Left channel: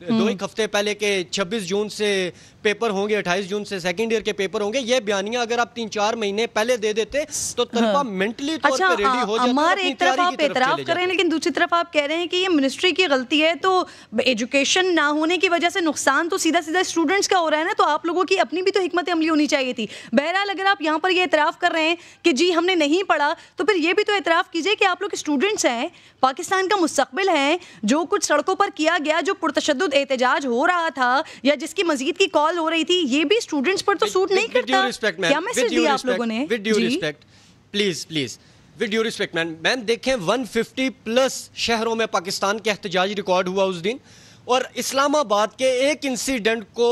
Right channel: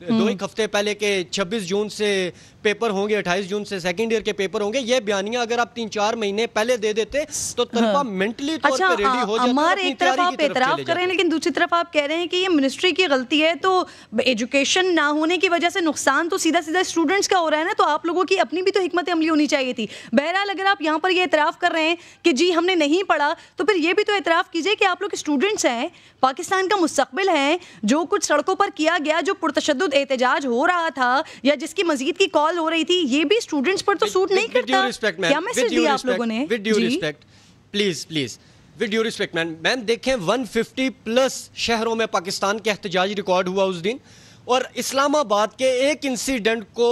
دو ایک ہفتے پہلے کہ 26 جون سے پیپر ہوں گے, 28 جون سے سیکنڈ ایئر کے پیپر ہوں گے, یہ بیانیہ اگر آپ 3-4 مہینے پہلے دے دیتے تو طلبہ منٹلی طور پر ریڈی ہو جاتے. ہمارے ایک طرف آپ اعتراف کر رہے ہیں لیکن دوسری طرف آپ کہہ رہے ہیں کہ یہ منسٹری کی غلطی ہے, تو ایجوکیشن نہ ہونے کی وجہ سے نقصان تو سیدھا سیدھا اسٹوڈنٹس کا ہو رہا ہے نا, تو آپ لوگوں کی اپنی بھی تو حکمت عملی ہونی چاہیے تھی. بہرحال اگر آپ یہاں پر یہ اعتراف کر رہے ہیں کہ جی ہم نے نہیں پڑھا, تو پھر یہ بھی تو اعتراف کیجئے کہ آپ لوگ اسٹوڈنٹس ہیں, پاکستان کا مستقبل ہے. جو کچھ سڑکوں پر کیا گیا, جو پرتشدد احتجاج ہو رہا تھا یا جس کی مزید کی کال ہو رہی تھی, یہ بھی اسٹوڈنٹس پر تو سوٹ نہیں کرتا. کیا میسج دیا آپ لوگوں نے؟ With due respect please with due respect ma'am دیکھیں 150+ شہروں میں پاکستان کے احتجاج ریکارڈ ہوا اس دن, اور اسلام آباد کے ایک انسیڈنٹ کو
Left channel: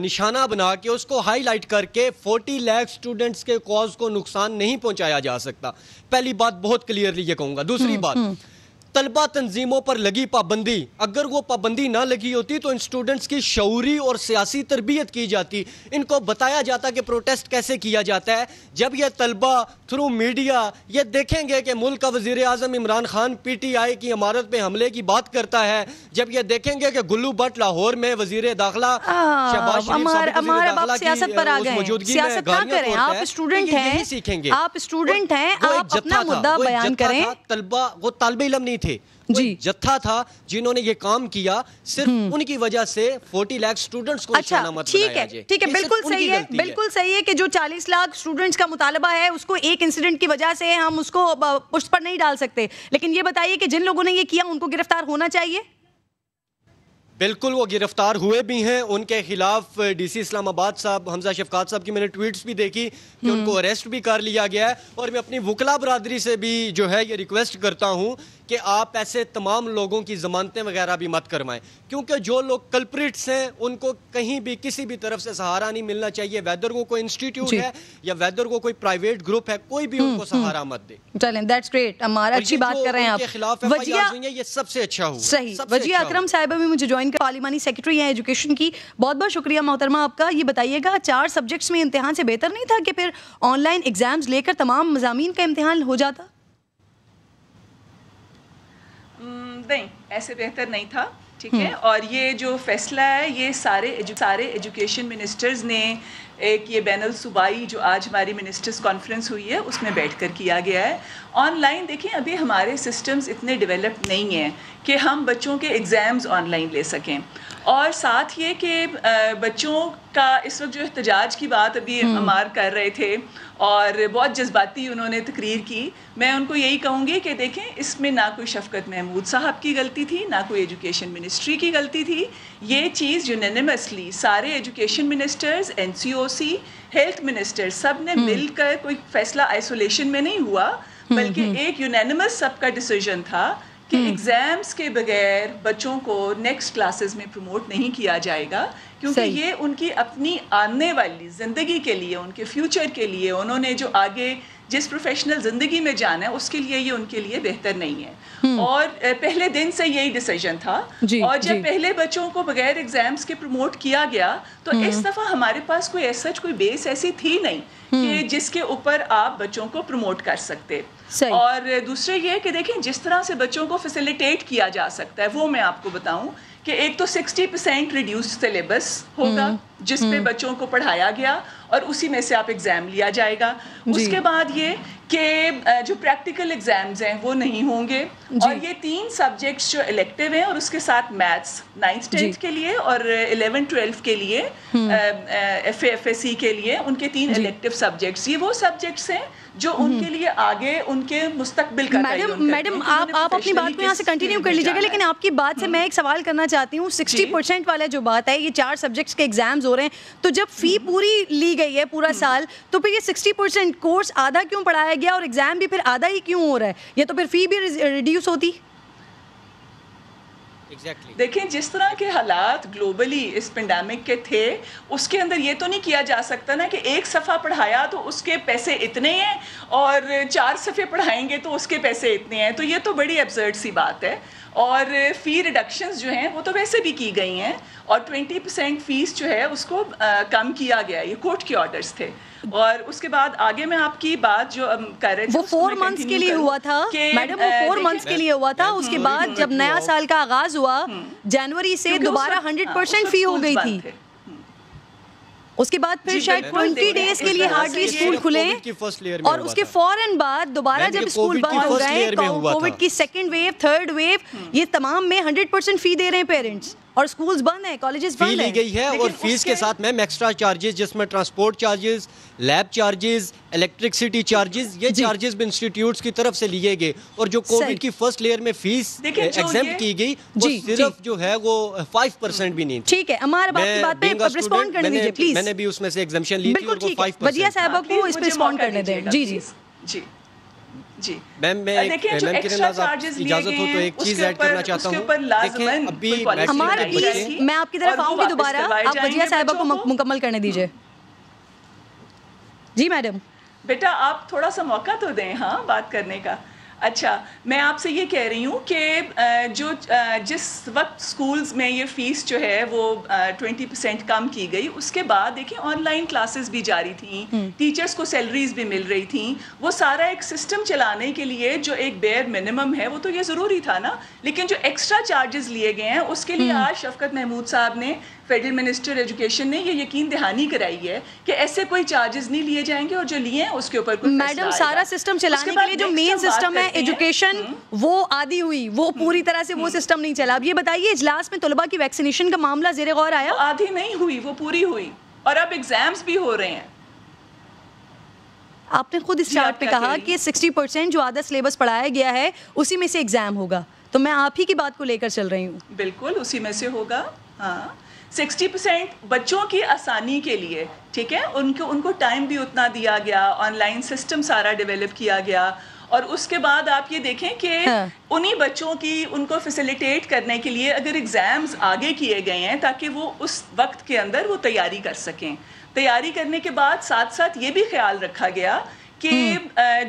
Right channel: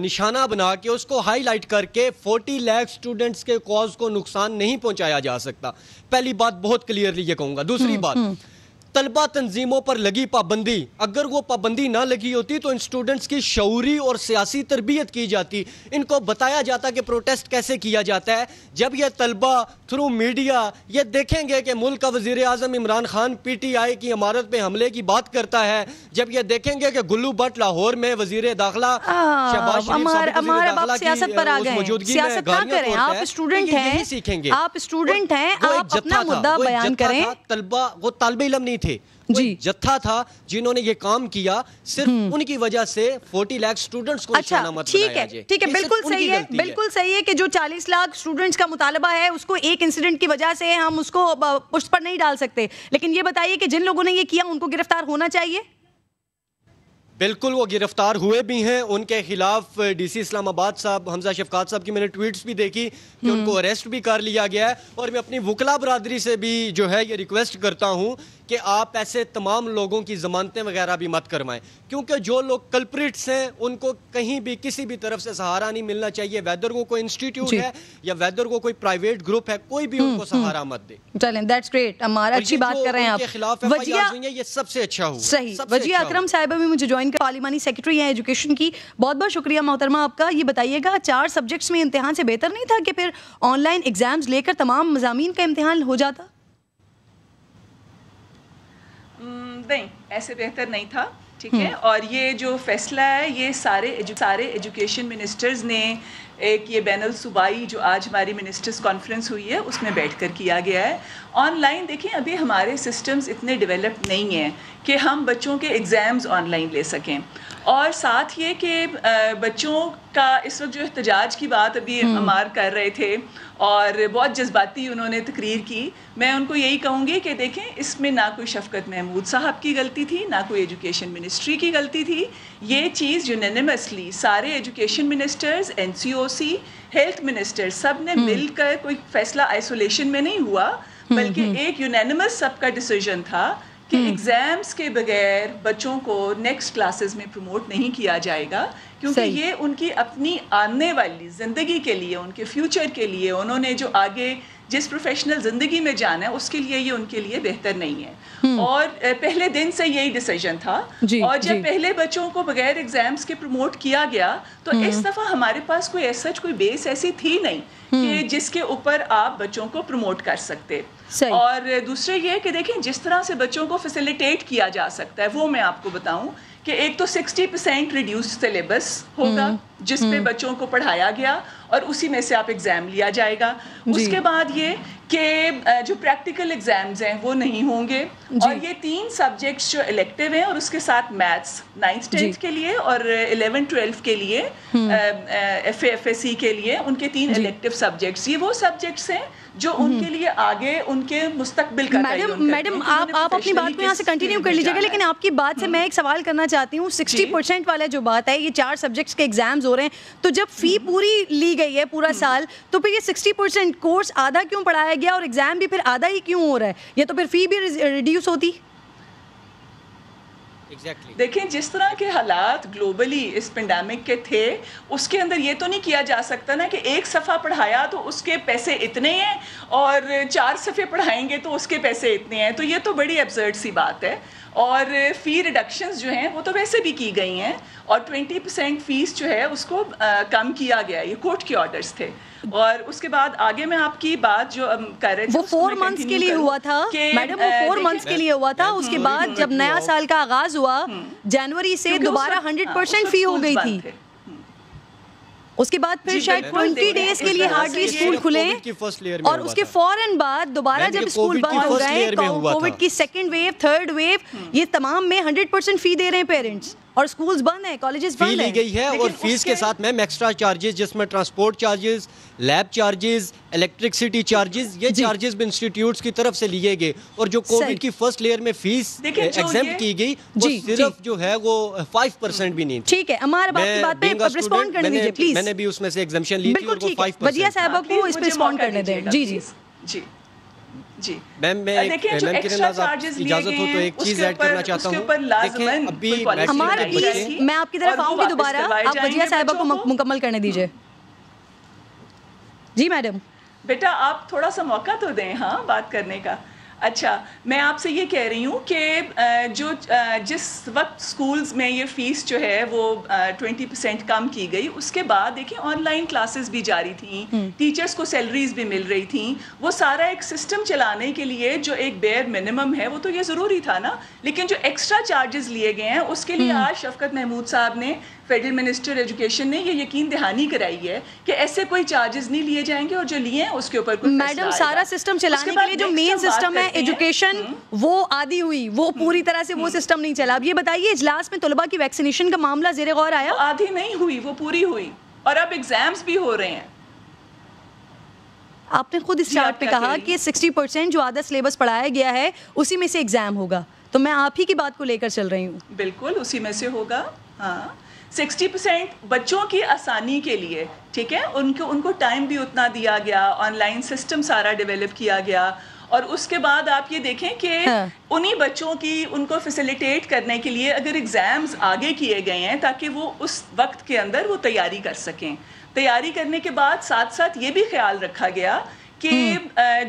نشانہ بنا کے اس کو ہائی لائٹ کر کے 40 لاکھ اسٹوڈنٹس کے کاز کو نقصان نہیں پہنچایا جا سکتا. پہلی بات بہت کلیئرلی یہ کہوں گا. دوسری بات, طلبہ تنظیموں پر لگی پابندی, اگر وہ پابندی نہ لگی ہوتی تو ان اسٹوڈنٹس کی شعوری اور سیاسی تربیت کی جاتی, ان کو بتایا جاتا کہ پروٹیسٹ کیسے کیا جاتا ہے. جب یہ طلبہ تھرو میڈیا یہ دیکھیں گے کہ ملک کا وزیر اعظم عمران خان PTI کی عمارت پہ حملے کی بات کرتا ہے, جب یہ دیکھیں گے کہ گلو بٹ لاہور میں وزیر داخلہ شہباز سیاست پر آ گئے, سیاست نہ کریں, آپ اسٹوڈنٹ ہیں, سیکھیں گے, آپ اسٹوڈنٹ ہیں, آپ اپنا مدعا بیان کریں. طلبہ وہ طالب علم نہیں تھے, جتھا تھا جنہوں نے یہ کام کیا, صرف ان کی وجہ سے 40 لاکھ سٹوڈنٹس کو نشانہ مت بنایا جائے. ٹھیک ہے, بالکل صحیح ہے, بالکل صحیح ہے کہ جو 40 لاکھ سٹوڈنٹس کا مطالبہ ہے اس کو ایک انسیڈنٹ کی وجہ سے ہم اس کو پشت پر نہیں ڈال سکتے, لیکن یہ بتائیے کہ جن لوگوں نے یہ کیا ان کو گرفتار ہونا چاہیے. بالکل وہ گرفتار ہوئے بھی ہیں, ان کے خلاف DC اسلام آباد صاحب حمزہ شفقات صاحب کی میں نے ٹویٹس بھی دیکھی کہ ان کو اریسٹ بھی کر لیا گیا ہے. اور میں اپنی وکلا برادری سے بھی جو ہے یہ ریکویسٹ کرتا ہوں کہ آپ ایسے تمام لوگوں کی ضمانتیں وغیرہ بھی مت کروائیں, کیونکہ جو لوگ کلپریٹس ہیں ان کو کہیں بھی کسی بھی طرف سے سہارا نہیں ملنا چاہیے. ویدر کو کوئی انسٹیٹیوٹ ہے یا ویدر کو کوئی پرائیویٹ گروپ ہے, کوئی بھی ان کو سہارا مت دے. چلیں, دیٹس گریٹ, ہمارا اچھی بات کر رہے ہیں آپ. خلاف یہ سب سے اچھا ہوا. صحیح. وجیہ اکرم صاحبہ بھی مجھے جوائن کر, پارلیمانی سیکرٹری ہیں ایجوکیشن کی. بہت بہت شکریہ محترمہ آپ کا. یہ بتائیے گا 4 سبجیکٹس میں امتحان سے بہتر نہیں تھا کہ پھر آن لائن ایگزامز لے کر تمام مضامین کا امتحان ہو جاتا؟ نہیں, ایسے بہتر نہیں تھا. ٹھیک ہے, اور یہ جو فیصلہ ہے یہ سارے ایجوکیشن منسٹرز نے ایک یہ بین الصوبائی جو آج ہماری منسٹرز کانفرنس ہوئی ہے اس میں بیٹھ کر کیا گیا ہے. آن لائن دیکھیں ابھی ہمارے سسٹمز اتنے ڈیولپ نہیں ہیں کہ ہم بچوں کے ایگزامز آن لائن لے سکیں, اور ساتھ یہ کہ بچوں کا اس وقت جو احتجاج کی بات ابھی عمار کر رہے تھے اور بہت جذباتی انہوں نے تقریر کی, میں ان کو یہی کہوں گی کہ دیکھیں اس میں نہ کوئی شفقت محمود صاحب کی غلطی تھی, نہ کوئی ایجوکیشن منسٹری کی غلطی تھی. یہ چیز یونینیمسلی سارے education ministers, NCOC, health minister سب نے مل کر, کوئی فیصلہ آئسولیشن میں نہیں ہوا بلکہ ایک یونینیمس سب کا ڈیسیژن تھا کہ ایگزامز کے بغیر بچوں کو نیکسٹ کلاسز میں پروموٹ نہیں کیا جائے گا, کیونکہ یہ ان کی اپنی آنے والی زندگی کے لیے, ان کے فیوچر کے لیے, انہوں نے جو آگے جس پروفیشنل زندگی میں جانا ہے اس کے لیے یہ ان کے لیے بہتر نہیں ہے. اور پہلے دن سے یہی ڈیسیژن تھا, اور جب پہلے بچوں کو بغیر ایگزامز کے پروموٹ کیا گیا تو اس دفعہ ہمارے پاس کوئی ایسا کوئی بیس ایسی تھی نہیں کہ جس کے اوپر آپ بچوں کو پروموٹ کر سکتے. اور دوسرے یہ کہ دیکھیں جس طرح سے بچوں کو فیسیلیٹیٹ کیا جا سکتا ہے وہ میں آپ کو بتاؤں کہ ایک تو 60% ریڈیوس سلیبس ہوگا جس پہ بچوں کو پڑھایا گیا اور اسی میں سے آپ ایگزام لیا جائے گا. اس کے بعد یہ کہ جو پریکٹیکل ایگزامز ہیں وہ نہیں ہوں گے, اور یہ 3 سبجیکٹس جو الیکٹیو ہیں اور اس کے ساتھ میتھس 9th 10th کے لیے اور 11th 12th کے لیے FAC کے لیے ان کے 3 الیکٹیو سبجیکٹس, یہ وہ سبجیکٹس ہیں جو ان کے لیے آگے ان کے مستقبل کا میڈم آپ اپنی بات کو یہاں سے کنٹینیو کر لیجیے گا, لیکن آپ کی بات سے میں ایک سوال کرنا چاہتی ہوں. 60% والا جو بات ہے, یہ 4 سبجیکٹس کے ایگزامز ہو رہے ہیں, تو جب فی پوری لی گئی ہے پورا سال, تو پھر یہ 60% کورس آدھا کیوں پڑھایا گیا اور ایگزام بھی پھر آدھا ہی کیوں ہو رہا ہے؟ یہ تو پھر فی بھی ریڈیوس ہوتی. دیکھیں جس طرح کے حالات گلوبلی اس پینڈیمک کے تھے اس کے اندر یہ تو نہیں کیا جا سکتا نا کہ ایک صفحہ پڑھایا تو اس کے پیسے اتنے ہیں اور 4 صفحے پڑھائیں گے تو اس کے پیسے اتنے ہیں, تو یہ تو بڑی ایبسرڈ سی بات ہے. اور فی ریڈکشنز جو ہیں وہ تو ویسے بھی کی گئی ہیں, اور 20% فیس جو ہے اس کو کم کیا گیا, یہ کورٹ کے آرڈرز تھے. اور اس کے بعد آگے میں آپ کی بات جو کر رہے تھے وہ 4 months کے لیے ہوا تھا میڈم, وہ 4 months کے لیے ہوا تھا. اس کے بعد جب نیا سال کا آغاز ہوا جنوری سے دوبارہ 100% فی ہو گئی تھی. اس کے بعد پھر شاید 20 days کے لیے ہارڈلی اسکول کھلے, اور اس کے فوراً بعد دوبارہ جب اسکول بند ہو گئے, کووڈ کی 2nd wave 3rd wave, یہ تمام میں 100% فی دے رہے ہیں پیرنٹس, اور اسکولز بند ہیں, کالجز بند ہیں. لی گئی ہے, اور فیس کے ساتھ میم ایکسٹرا چارجز جس میں transport charges, lab charges, electricity charges, یہ چارجز بھی انسٹیٹیوٹس کی طرف سے لیے گئے. اور جو کووڈ کی فرسٹ لیئر میں فیس ایگزمپٹ کی گئی وہ صرف جو ہے وہ 5% بھی نہیں. ٹھیک ہے, ہمارے بات پہ رسپونڈ کرنے دیجیے پلیز. میں نے بھی اس میں سے ایگزمپشن لی تھی, اور وہ 5%. وجیہ صاحبہ کو اس پہ رسپونڈ کرنے دیں. جی جی جی جی میم, میں اجازت ہو تو ایک چیز ایڈ کرنا چاہتا ہوں. دیکھیں ابھی ہمارا میں آپ کی طرف آؤں گی دوبارہ, آپ وجیہ صاحبہ کو مکمل کرنے دیجیے. جی میڈم. بیٹا آپ تھوڑا سا موقع تو دیں ہاں بات کرنے کا. اچھا, میں آپ سے یہ کہہ رہی ہوں کہ جس وقت سکولز میں یہ فیس جو ہے وہ 20% کم کی گئی, اس کے بعد دیکھیں آن لائن کلاسز بھی جاری تھیں, ٹیچرز کو سیلریز بھی مل رہی تھیں. وہ سارا ایک سسٹم چلانے کے لیے جو ایک بیئر منیمم ہے وہ تو یہ ضروری تھا نا. لیکن جو ایکسٹرا چارجز لیے گئے ہیں اس کے لیے آج شفقت محمود صاحب نے, فیڈرل منسٹر ایجوکیشن نے, یہ یقین دہانی کرائی ہے کہ ایسے کوئی چارجز نہیں لیے جائیں گے, اور جو لیے ہیں اس کے اوپر کوئی میڈم سارا سسٹم چلانے کے لیے جو مین سسٹم ہے ایجوکیشن وہ آدھی ہوئی, وہ پوری طرح سے وہ سسٹم نہیں چلا. اب یہ بتائیے اجلاس میں طلباء کی ویکسینیشن کا معاملہ زیر غور آیا؟ آدھی نہیں ہوئی, وہ پوری ہوئی, اور اب ایگزامز بھی ہو رہے ہیں. آپ نے خود اس چارٹ پہ کہا کہ 60% جو آدھا سلیبس پڑھایا گیا ہے اسی میں سے ایگزام ہوگا, تو میں آپ ہی کی بات کو لے کر چل رہی ہوں. بالکل اسی میں سے ہوگا. ہاں 60% بچوں کی آسانی کے لیے, ٹھیک ہے, ان کو ٹائم بھی اتنا دیا گیا, آن لائن سسٹم سارا ڈیولپ کیا گیا. اور اس کے بعد آپ یہ دیکھیں کہ انہی بچوں کی ان کو فیسیلیٹیٹ کرنے کے لیے اگر ایگزامز آگے کیے گئے ہیں تاکہ وہ اس وقت کے اندر وہ تیاری کر سکیں. تیاری کرنے کے بعد ساتھ ساتھ یہ بھی خیال رکھا گیا کہ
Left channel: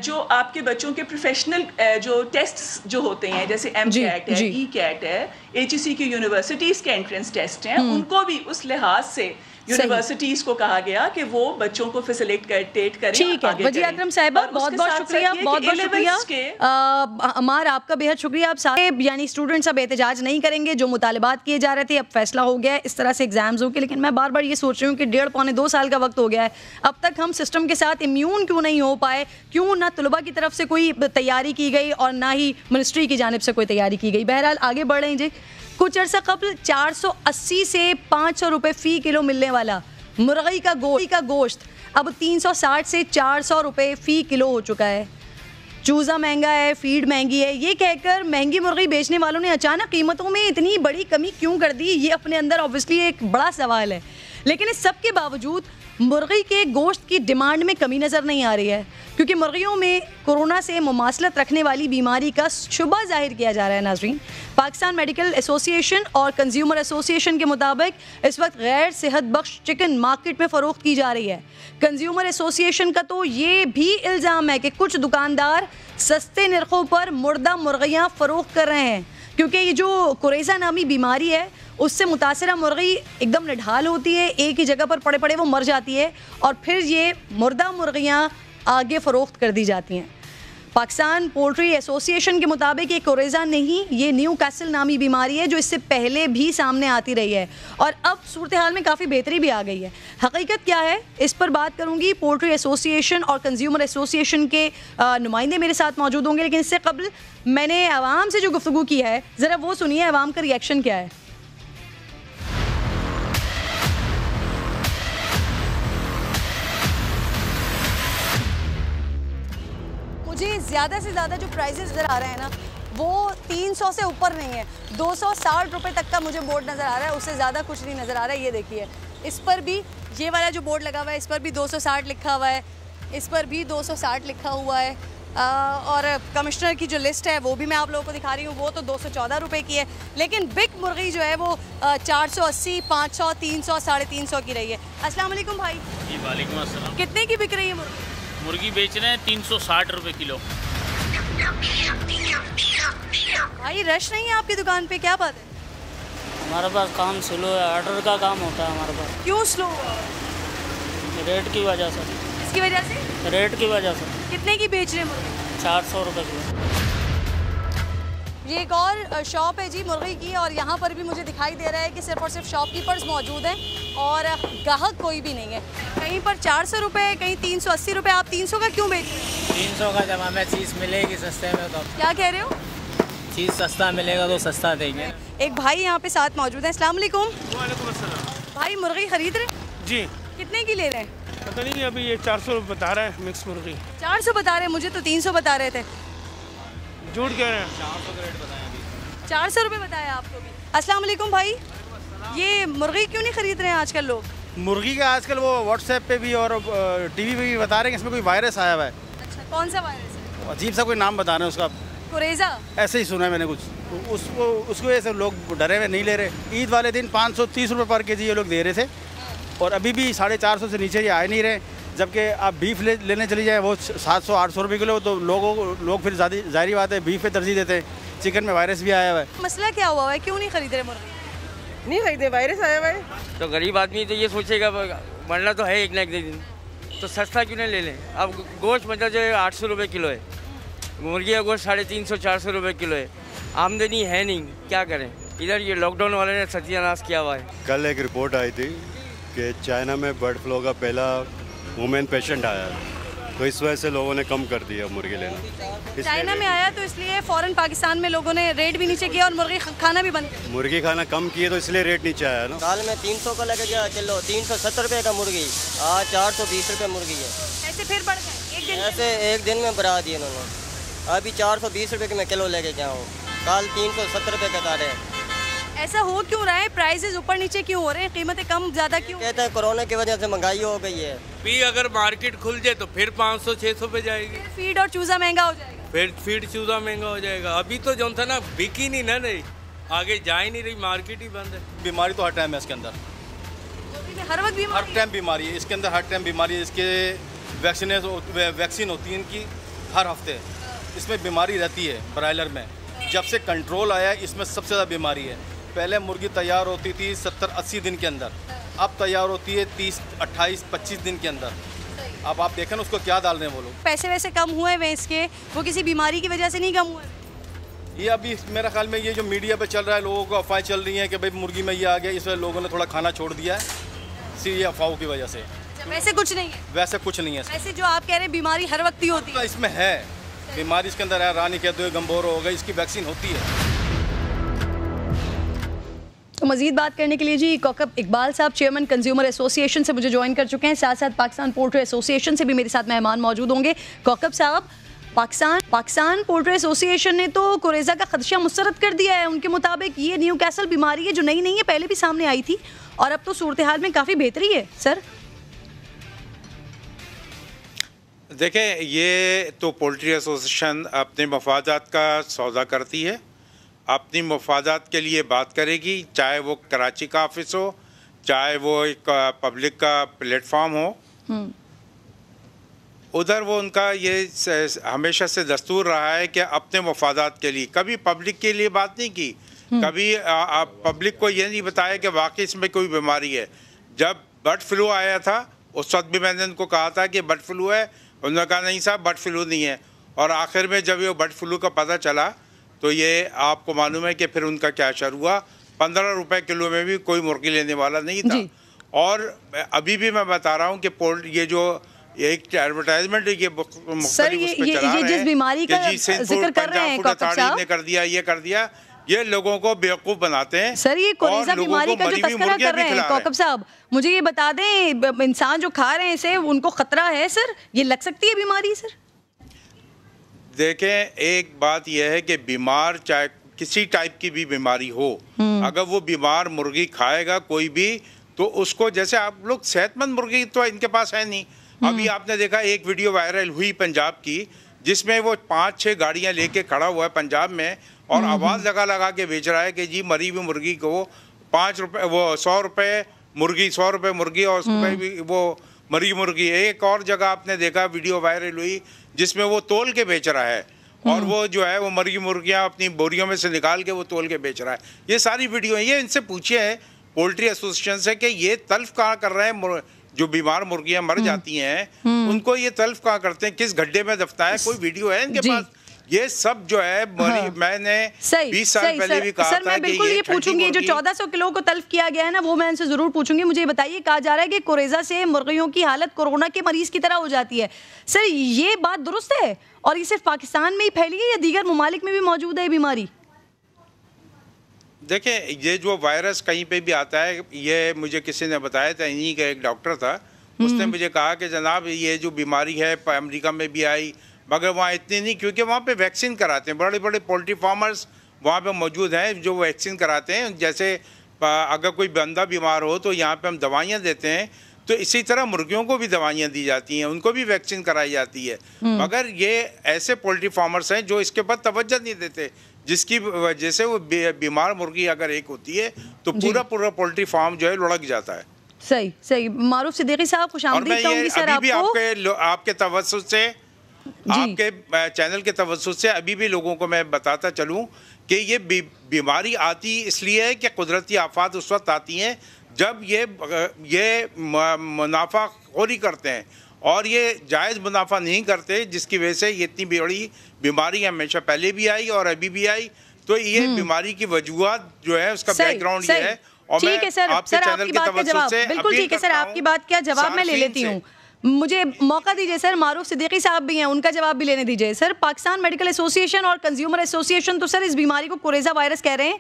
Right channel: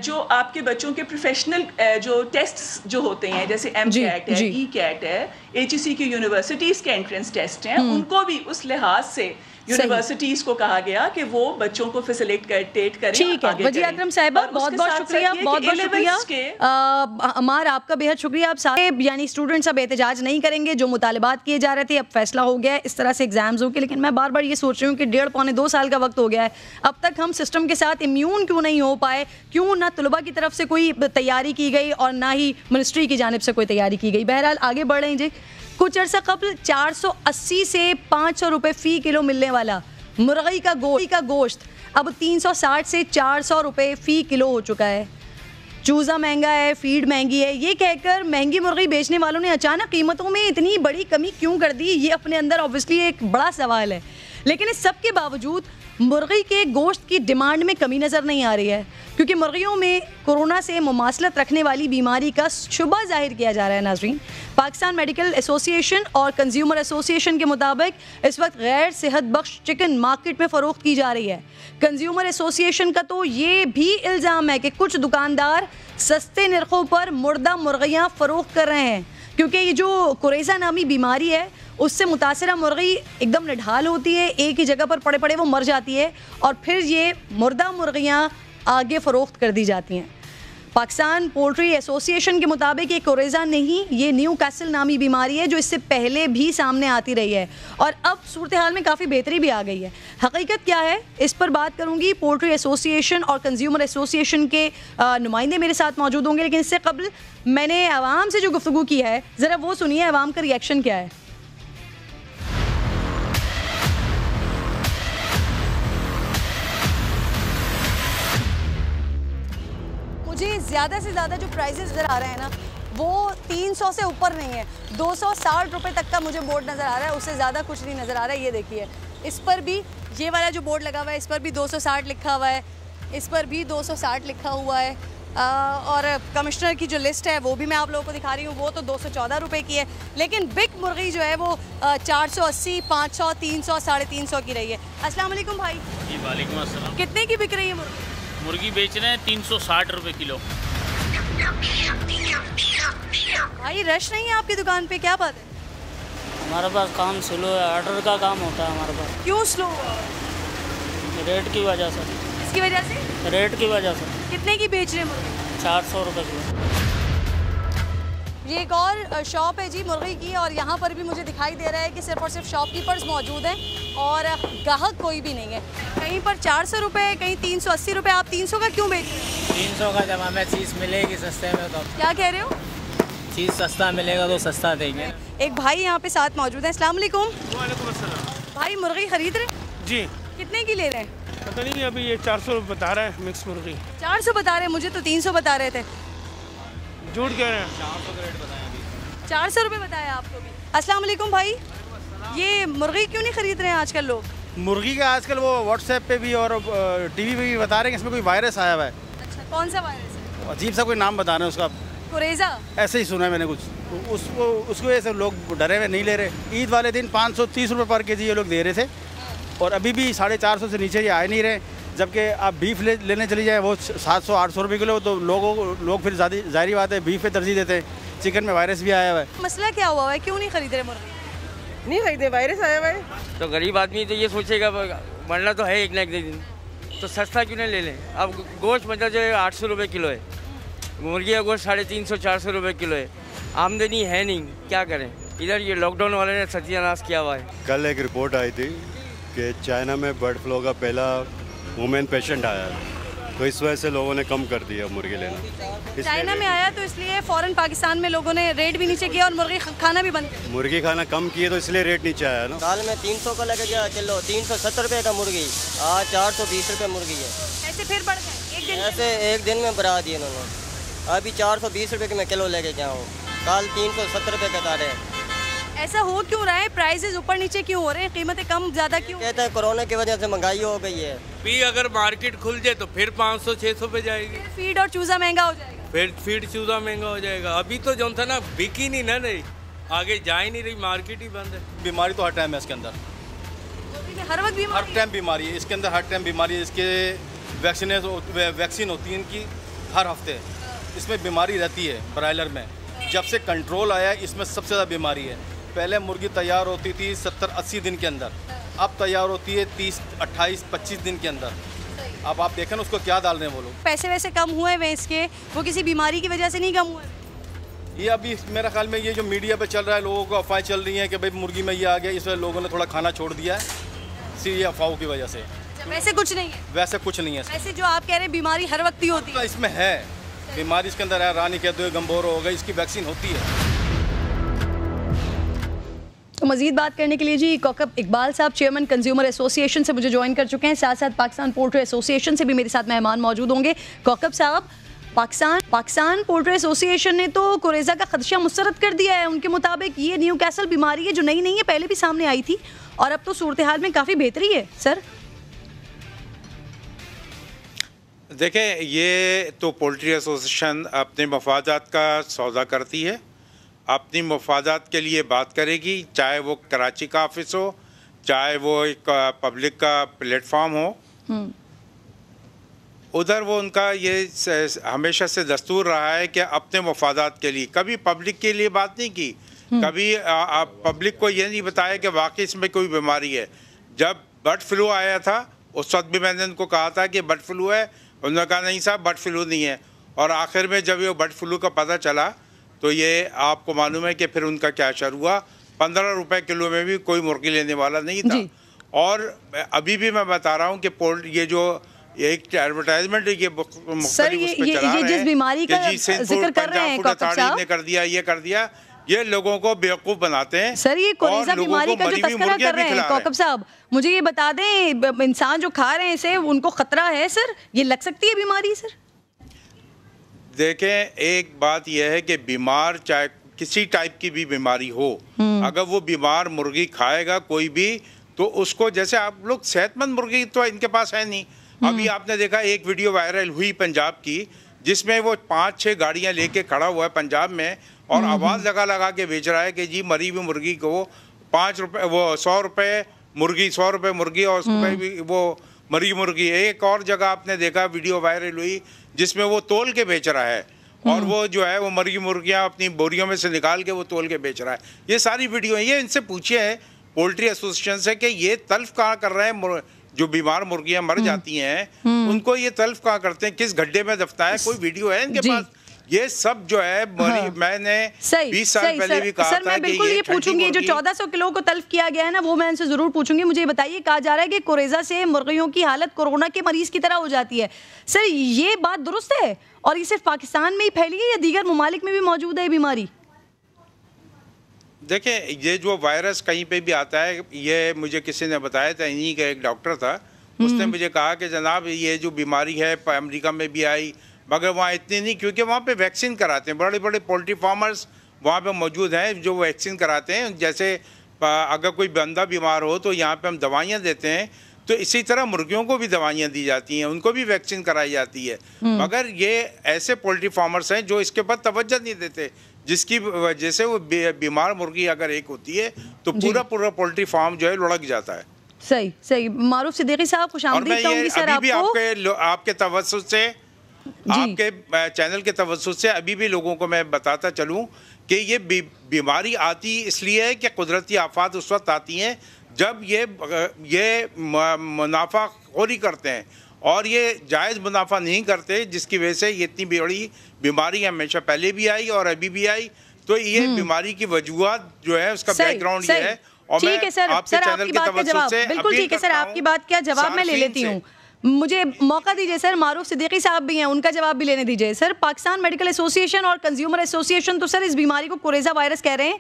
جو آپ کے بچوں کے پروفیشنل جو ٹیسٹ جو ہوتے ہیں جیسے ایم کیٹ ہے, ای کیٹ ہے, ایچ ای سی کی یونیورسٹیز کے انٹرنس ٹیسٹ ہیں, ان کو بھی اس لحاظ سے یونیورسٹیز کو کہا گیا کہ وہ بچوں کو فیسیلیٹیٹ کریں. ٹھیک ہے وجیہ اکرم صاحبہ, بہت بہت شکریہ, بہت بہت شکریہ. عمار آپ کا بہت شکریہ. آپ سارے یعنی اسٹوڈنٹس اب احتجاج نہیں کریں گے, جو مطالبات کیے جا رہے تھے اب فیصلہ ہو گیا ہے, اس طرح سے ایگزامز ہو گئے. لیکن میں بار بار یہ سوچ رہی ہوں کہ 1.5-2 سال کا وقت ہو گیا ہے, اب تک ہم سسٹم کے ساتھ امیون کیوں نہیں ہو پائے؟ کیوں نہ طلباء کی طرف سے کوئی تیاری کی گئی اور نہ ہی منسٹری کی جانب سے کوئی تیاری کی گئی؟ بہرحال آگے بڑھ رہے ہیں. جی کچھ عرصہ قبل 480 سے 500 روپے فی کلو ملنے والا مرغی کا گوشت اب 360 سے 400 روپے فی کلو ہو چکا ہے. چوزا مہنگا ہے, فیڈ مہنگی ہے, یہ کہہ کر مہنگی مرغی بیچنے والوں نے اچانک قیمتوں میں اتنی بڑی کمی کیوں کر دی؟ یہ اپنے اندر obviously ایک بڑا سوال ہے. لیکن اس سب کے باوجود مرغی کے گوشت کی ڈیمانڈ میں کمی نظر نہیں آ رہی ہے, کیونکہ مرغیوں میں کورونا سے مماثلت رکھنے والی بیماری کا شبہ ظاہر کیا جا رہا ہے. ناظرین, پاکستان میڈیکل ایسوسی ایشن اور کنزیومر ایسوسی ایشن کے مطابق اس وقت غیر صحت بخش چکن مارکیٹ میں فروخت کی جا رہی ہے. کنزیومر ایسوسی ایشن کا تو یہ بھی الزام ہے کہ کچھ دکاندار سستے نرخوں پر مردہ مرغیاں فروخت کر رہے ہیں, کیونکہ یہ جو کوریزا نامی بیماری ہے اس سے متاثرہ مرغی ایک دم نڈھال ہوتی ہے, ایک ہی جگہ پر پڑے پڑے وہ مر جاتی ہے, اور پھر یہ مردہ مرغیاں آگے فروخت کر دی جاتی ہیں. پاکستان پولٹری ایسوسی ایشن کے مطابق یہ کوریزا نہیں, یہ نیو کیسل نامی بیماری ہے جو اس سے پہلے بھی سامنے آتی رہی ہے, اور اب صورتحال میں کافی بہتری بھی آ گئی ہے. حقیقت کیا ہے اس پر بات کروں گی. پولٹری ایسوسی ایشن اور کنزیومر ایسوسی ایشن کے نمائندے میرے ساتھ موجود ہوں گے, لیکن اس سے قبل میں نے عوام سے جو گفتگو کی ہے ذرا وہ سنیے, عوام کا ریئیکشن کیا ہے. مجھے زیادہ سے زیادہ جو پرائزز نظر آ رہے ہیں نا وہ 300 سے اوپر نہیں ہے, 260 روپے تک کا مجھے بورڈ نظر آ رہا ہے, اس سے زیادہ کچھ نہیں نظر آ رہا ہے. یہ دیکھیے اس پر بھی یہ والا جو بورڈ لگا ہوا ہے اس پر بھی 260 لکھا ہوا ہے, اس پر بھی 260 لکھا ہوا ہے, اور کمشنر کی جو لسٹ ہے وہ بھی میں آپ لوگوں کو دکھا رہی ہوں, وہ تو 214 روپے کی ہے. لیکن بگ مرغی جو ہے وہ 480, 500, 300, 350 کی رہی ہے. السلام علیکم بھائی. جی وعلیکم السلام. کتنے کی بک رہی ہے مرغی؟ مرغی بیچ رہے ہیں 360 روپے کلو. بھائی رش نہیں ہے آپ کی دکان پہ, کیا بات ہے؟ ہمارے پاس کام سلو ہے, آرڈر کا کام ہوتا ہے ہمارے پاس. کیوں سلو؟ ریٹ کی وجہ سے. اس کی وجہ سے؟ ریٹ کی وجہ سے. کتنے کی بیچ رہے ہیں مرغی؟ 400 روپے کلو. یہ ایک اور شاپ ہے جی مرغی کی, اور یہاں پر بھی مجھے دکھائی دے رہا ہے کہ صرف اور صرف شاپ کیپرز موجود ہیں اور گاہک کوئی بھی نہیں ہے. کہیں پر 400 روپے, کہیں 380 روپے. آپ 300 کا کیوں بیچ رہے ہیں؟ 300 کا جب ہمیں چیز ملے گی سستے میں تو. کیا کہہ رہے ہو؟ چیز سستا ملے گا تو سستا دیں گے. ایک بھائی یہاں پہ ساتھ موجود ہیں. السلام علیکم. وعلیکم السلام. بھائی مرغی خرید رہے ہیں؟ جی. کتنے کی لے رہے ہیں؟ پتہ نہیں, ابھی یہ 400 بتا رہا ہے مکس مرغی. 400 بتا رہے ہیں, مجھے تو 300 بتا رہے تھے. جھوٹ کہہ رہے ہیں. 400 روپے بتایا آپ کو بھی. السلام علیکم بھائی, یہ مرغی کیوں نہیں خرید رہے ہیں آج کل لوگ؟ مرغی کا آج کل وہ واٹس ایپ پہ بھی اور ٹی وی پہ بھی بتا رہے ہیں کہ اس میں کوئی وائرس آیا ہوا ہے. اچھا, کون سا وائرس ہے؟ عجیب سا کوئی نام بتا رہے ہیں اس کا, کوریزا. ایسے ہی سنا ہے میں نے کچھ. اس کی وجہ سے لوگ ڈرے ہوئے نہیں لے رہے. عید والے دن 530 روپے پر کے جی یہ لوگ لے رہے تھے, اور ابھی بھی 450 سے نیچے یہ آئے نہیں رہے. جبکہ آپ بیف لینے چلی جائیں وہ 700-800 روپے کلو, تو لوگ پھر ظاہری بات ہے بیف پہ ترجیح دیتے ہیں. چکن میں وائرس بھی آیا ہوا ہے. مسئلہ کیا ہوا ہے, کیوں نہیں خرید رہے مرغی؟ نہیں خریدے, وائرس آیا ہوا ہے. تو غریب آدمی تو یہ سوچے گا مرنا تو ہے ایک نہ ایک دن, تو سستا کیوں نہیں لے لیں. اب گوشت مطلب جو ہے 800 روپے کلو ہے, مرغی کا گوشت 350-400 روپے کلو ہے. آمدنی ہے نہیں, کیا کریں. ادھر یہ لاک ڈاؤن والے نے ستیہ ناش کیا ہوا ہے. کل ایک رپورٹ آئی تھی کہ چائنا میں برڈ فلو کا پہلا وومین پیشنٹ آیا ہے, تو اس وجہ سے لوگوں نے کم کر دیا مرغی لینا. چائنا میں آیا تو اس لیے فوراً پاکستان میں لوگوں نے ریٹ بھی نیچے کیا اور مرغی کھانا بھی بند کیا. مرغی کھانا کم کیے تو اس لیے ریٹ نیچے آیا نا. سال میں 300 کا لگے گا کلو, 370 روپے کا مرغی, آج 420 روپے مرغی ہے. ایسے پھر بڑھ گئے ایک دن, ایسے ایک دن میں بڑھا دیے انہوں نے. ابھی 420 روپے کے میں کلو لے کے جاؤں, کل 370 روپے کا داڑے. ایسا ہو کیوں رہا ہے؟ پرائسز اوپر نیچے کیوں ہو رہے ہیں, قیمتیں کم زیادہ کیوں؟ کہتے ہیں کورونا کی وجہ سے مہنگائی ہو گئی ہے. بھی اگر مارکیٹ کھل جائے تو پھر 500-600 پہ جائے گی. فیڈ اور چوزا مہنگا ہو جائے گا. پھر فیڈ چوزا مہنگا ہو جائے گا. ابھی تو جو تھا نا بک ہی نہیں نا, نہیں آگے جا ہی نہیں رہی, مارکیٹ ہی بند ہے. بیماری تو ہر ٹائم ہے اس کے اندر, ہر وقت ہر ٹائم بیماری ہے اس کے اندر, ہر ٹائم بیماری ہے. اس کے ویکسین ہوتی ہے ان کی ہر ہفتے. اس میں بیماری رہتی ہے برائلر میں. جب سے کنٹرول آیا اس میں سب سے زیادہ بیماری ہے. پہلے مرغی تیار ہوتی تھی 70-80 دن کے اندر, اب تیار ہوتی ہے 30-28-25 دن کے اندر. اب آپ دیکھیں نا اس کو کیا ڈال رہے ہیں وہ لوگ. پیسے ویسے کم ہوئے ہیں اس کے, وہ کسی بیماری کی وجہ سے نہیں کم ہوئے. یہ ابھی میرا خیال میں یہ جو میڈیا پہ چل رہا ہے, لوگوں کو افواہیں چل رہی ہیں کہ بھائی مرغی میں یہ آ گیا, اس وجہ لوگوں نے تھوڑا کھانا چھوڑ دیا ہے, یہ افواہوں کی وجہ سے. ویسے کچھ نہیں ہے, ویسے کچھ نہیں ہے. ایسے جو آپ کہہ رہے ہیں بیماری ہر وقت ہی ہوتی ہے. اس میں ہے بیماری, اس کے اندر ہے رانی کہتے ہوئے گمبورو ہو گئی, اس کی ویکسین ہوتی ہے. تو مزید بات کرنے کے لیے جی کوکب اقبال صاحب چیئرمین کنزیومر ایسوسی ایشن سے مجھے جوائن کر چکے ہیں, ساتھ ساتھ پاکستان پولٹری ایسوسی ایشن سے بھی میرے ساتھ مہمان موجود ہوں گے. کوکب صاحب, پاکستان پولٹری ایسوسی ایشن نے تو کوریزا کا خدشہ مسترد کر دیا ہے. ان کے مطابق یہ نیو کیسل بیماری ہے جو نئی نہیں ہے, پہلے بھی سامنے آئی تھی اور اب تو صورتحال میں کافی بہتری ہے. سر دیکھیں, یہ تو پولٹری ایسوسیشن اپنے مفادات کا سودا کرتی ہے, اپنی مفادات کے لیے بات کرے گی, چاہے وہ کراچی کا آفس ہو, چاہے وہ ایک پبلک کا پلیٹ فارم ہو. ادھر وہ ان کا یہ ہمیشہ سے دستور رہا ہے کہ اپنے مفادات کے لیے, کبھی پبلک کے لیے بات نہیں کی, کبھی پبلک کو یہ نہیں بتایا کہ واقعی اس میں کوئی بیماری ہے. جب برڈ فلو آیا تھا اس وقت بھی میں نے ان کو کہا تھا کہ برڈ فلو ہے, انہوں نے کہا نہیں صاحب برڈ فلو نہیں ہے. اور آخر میں جب یہ برڈ فلو کا پتہ چلا تو یہ آپ کو معلوم ہے کہ پھر ان کا کیا اشر ہوا, 15 روپے کلو میں بھی کوئی مرغی لینے والا نہیں تھا. اور ابھی بھی میں بتا رہا ہوں کہ یہ جو ایک ایڈورٹائزمنٹ جس بیماری کا ذکر کر رہے ہیں کوکب صاحب نے کر دیا, یہ کر دیا, یہ لوگوں کو بیوقوف بناتے ہیں. سر یہ کوریزا بیماری کا جو تذکرہ کر رہے ہیں کوکب صاحب, مجھے یہ بتا دیں, انسان جو کھا رہے ہیں اسے ان کو خطرہ ہے سر, یہ لگ سکتی ہے بیماری سر؟ دیکھیں, ایک بات یہ ہے کہ بیمار چاہے کسی ٹائپ کی بھی بیماری ہو, اگر وہ بیمار مرغی کھائے گا کوئی بھی, تو اس کو, جیسے آپ لوگ صحت مند مرغی تو ان کے پاس ہے نہیں. ابھی آپ نے دیکھا ایک ویڈیو وائرل ہوئی پنجاب کی, جس میں وہ 5-6 گاڑیاں لے کے کھڑا ہوا ہے پنجاب میں, اور آواز لگا کے بیچ رہا ہے کہ جی مری ہوئی مرغی کو 5 روپے, وہ 100 روپے مرغی, 100 روپے مرغی, اور اس پہ بھی وہ مری مرغی. ایک اور جگہ آپ نے دیکھا ویڈیو وائرل ہوئی جس میں وہ تول کے بیچ رہا ہے, اور وہ جو ہے وہ مری مرغیاں اپنی بوریوں میں سے نکال کے وہ تول کے بیچ رہا ہے. یہ ساری ویڈیو ہیں. یہ ان سے پوچھے ہیں پولٹری ایسوسیشن سے کہ یہ تلف کہاں کر رہے ہیں, جو بیمار مرغیاں مر جاتی ہیں ان کو یہ تلف کہاں کرتے ہیں, کس گڈھے میں دفنا ہے, کوئی ویڈیو ہے ان کے پاس؟ یہ سب جو ہے میں نے 20 سال پہلے بھی کہا تھا کہ بالکل یہ پوچھوں گی, جو 1400 کلو کو تلف کیا گیا ہے نا, وہ میں ان سے ضرور پوچھوں گی. مجھے بتائیے, کہا جا رہا ہے کہ کوریزا سے مرغیوں کی حالت کورونا کے مریض کی طرح ہو جاتی ہے. سر یہ بات درست ہے, اور یہ صرف پاکستان میں ہی پھیلی ہے یا دیگر ممالک میں بھی موجود ہے یہ بیماری؟ دیکھیں, یہ جو وائرس کہیں پہ بھی آتا ہے, یہ مجھے کسی نے بتایا تھا, انہی کا ایک ڈاکٹر تھا, اس نے مجھے کہا کہ جناب یہ جو بیماری ہے امریکہ میں بھی آئی, مگر وہاں اتنی نہیں, کیونکہ وہاں پہ ویکسین کراتے ہیں. بڑے بڑے پولٹری فارمرز وہاں پہ موجود ہیں جو ویکسین کراتے ہیں. جیسے اگر کوئی بندہ بیمار ہو تو یہاں پہ ہم دوائیاں دیتے ہیں, تو اسی طرح مرغیوں کو بھی دوائیاں دی جاتی ہیں, ان کو بھی ویکسین کرائی جاتی ہے. مگر یہ ایسے پولٹری فارمرز ہیں جو اس کے بعد توجہ نہیں دیتے, جس کی وجہ سے وہ بیمار مرغی اگر ایک ہوتی ہے تو پورا پولٹری فارم جو ہے لڑک جاتا ہے. صحیح. معروف صدیقی صاحب, خوش آمدید کہوں گی سر آپ کو. آپ کے توسط سے, آپ کے چینل کے توسط سے ابھی بھی لوگوں کو میں بتاتا چلوں کہ یہ بیماری آتی اس لیے ہے کہ قدرتی آفات اس وقت آتی ہیں جب یہ منافع خوری کرتے ہیں, اور یہ جائز منافع نہیں کرتے, جس کی وجہ سے یہ اتنی بڑی بیماری ہمیشہ پہلے بھی آئی اور ابھی بھی آئی. تو یہ بیماری کی وجوہات جو ہے اس کا بیک گراؤنڈ یہ ہے. اور میں آپ کے چینل کے توسط سے بالکل ٹھیک ہے سر, آپ کی بات کیا جواب میں لے لیتی ہوں. مجھے موقع دیجیے سر, معروف صدیقی صاحب بھی ہیں, ان کا جواب بھی لینے دیجیے. سر, پاکستان میڈیکل ایسوسی ایشن اور کنزیومر ایسوسی ایشن تو سر اس بیماری کو کوریزا وائرس کہہ رہے ہیں,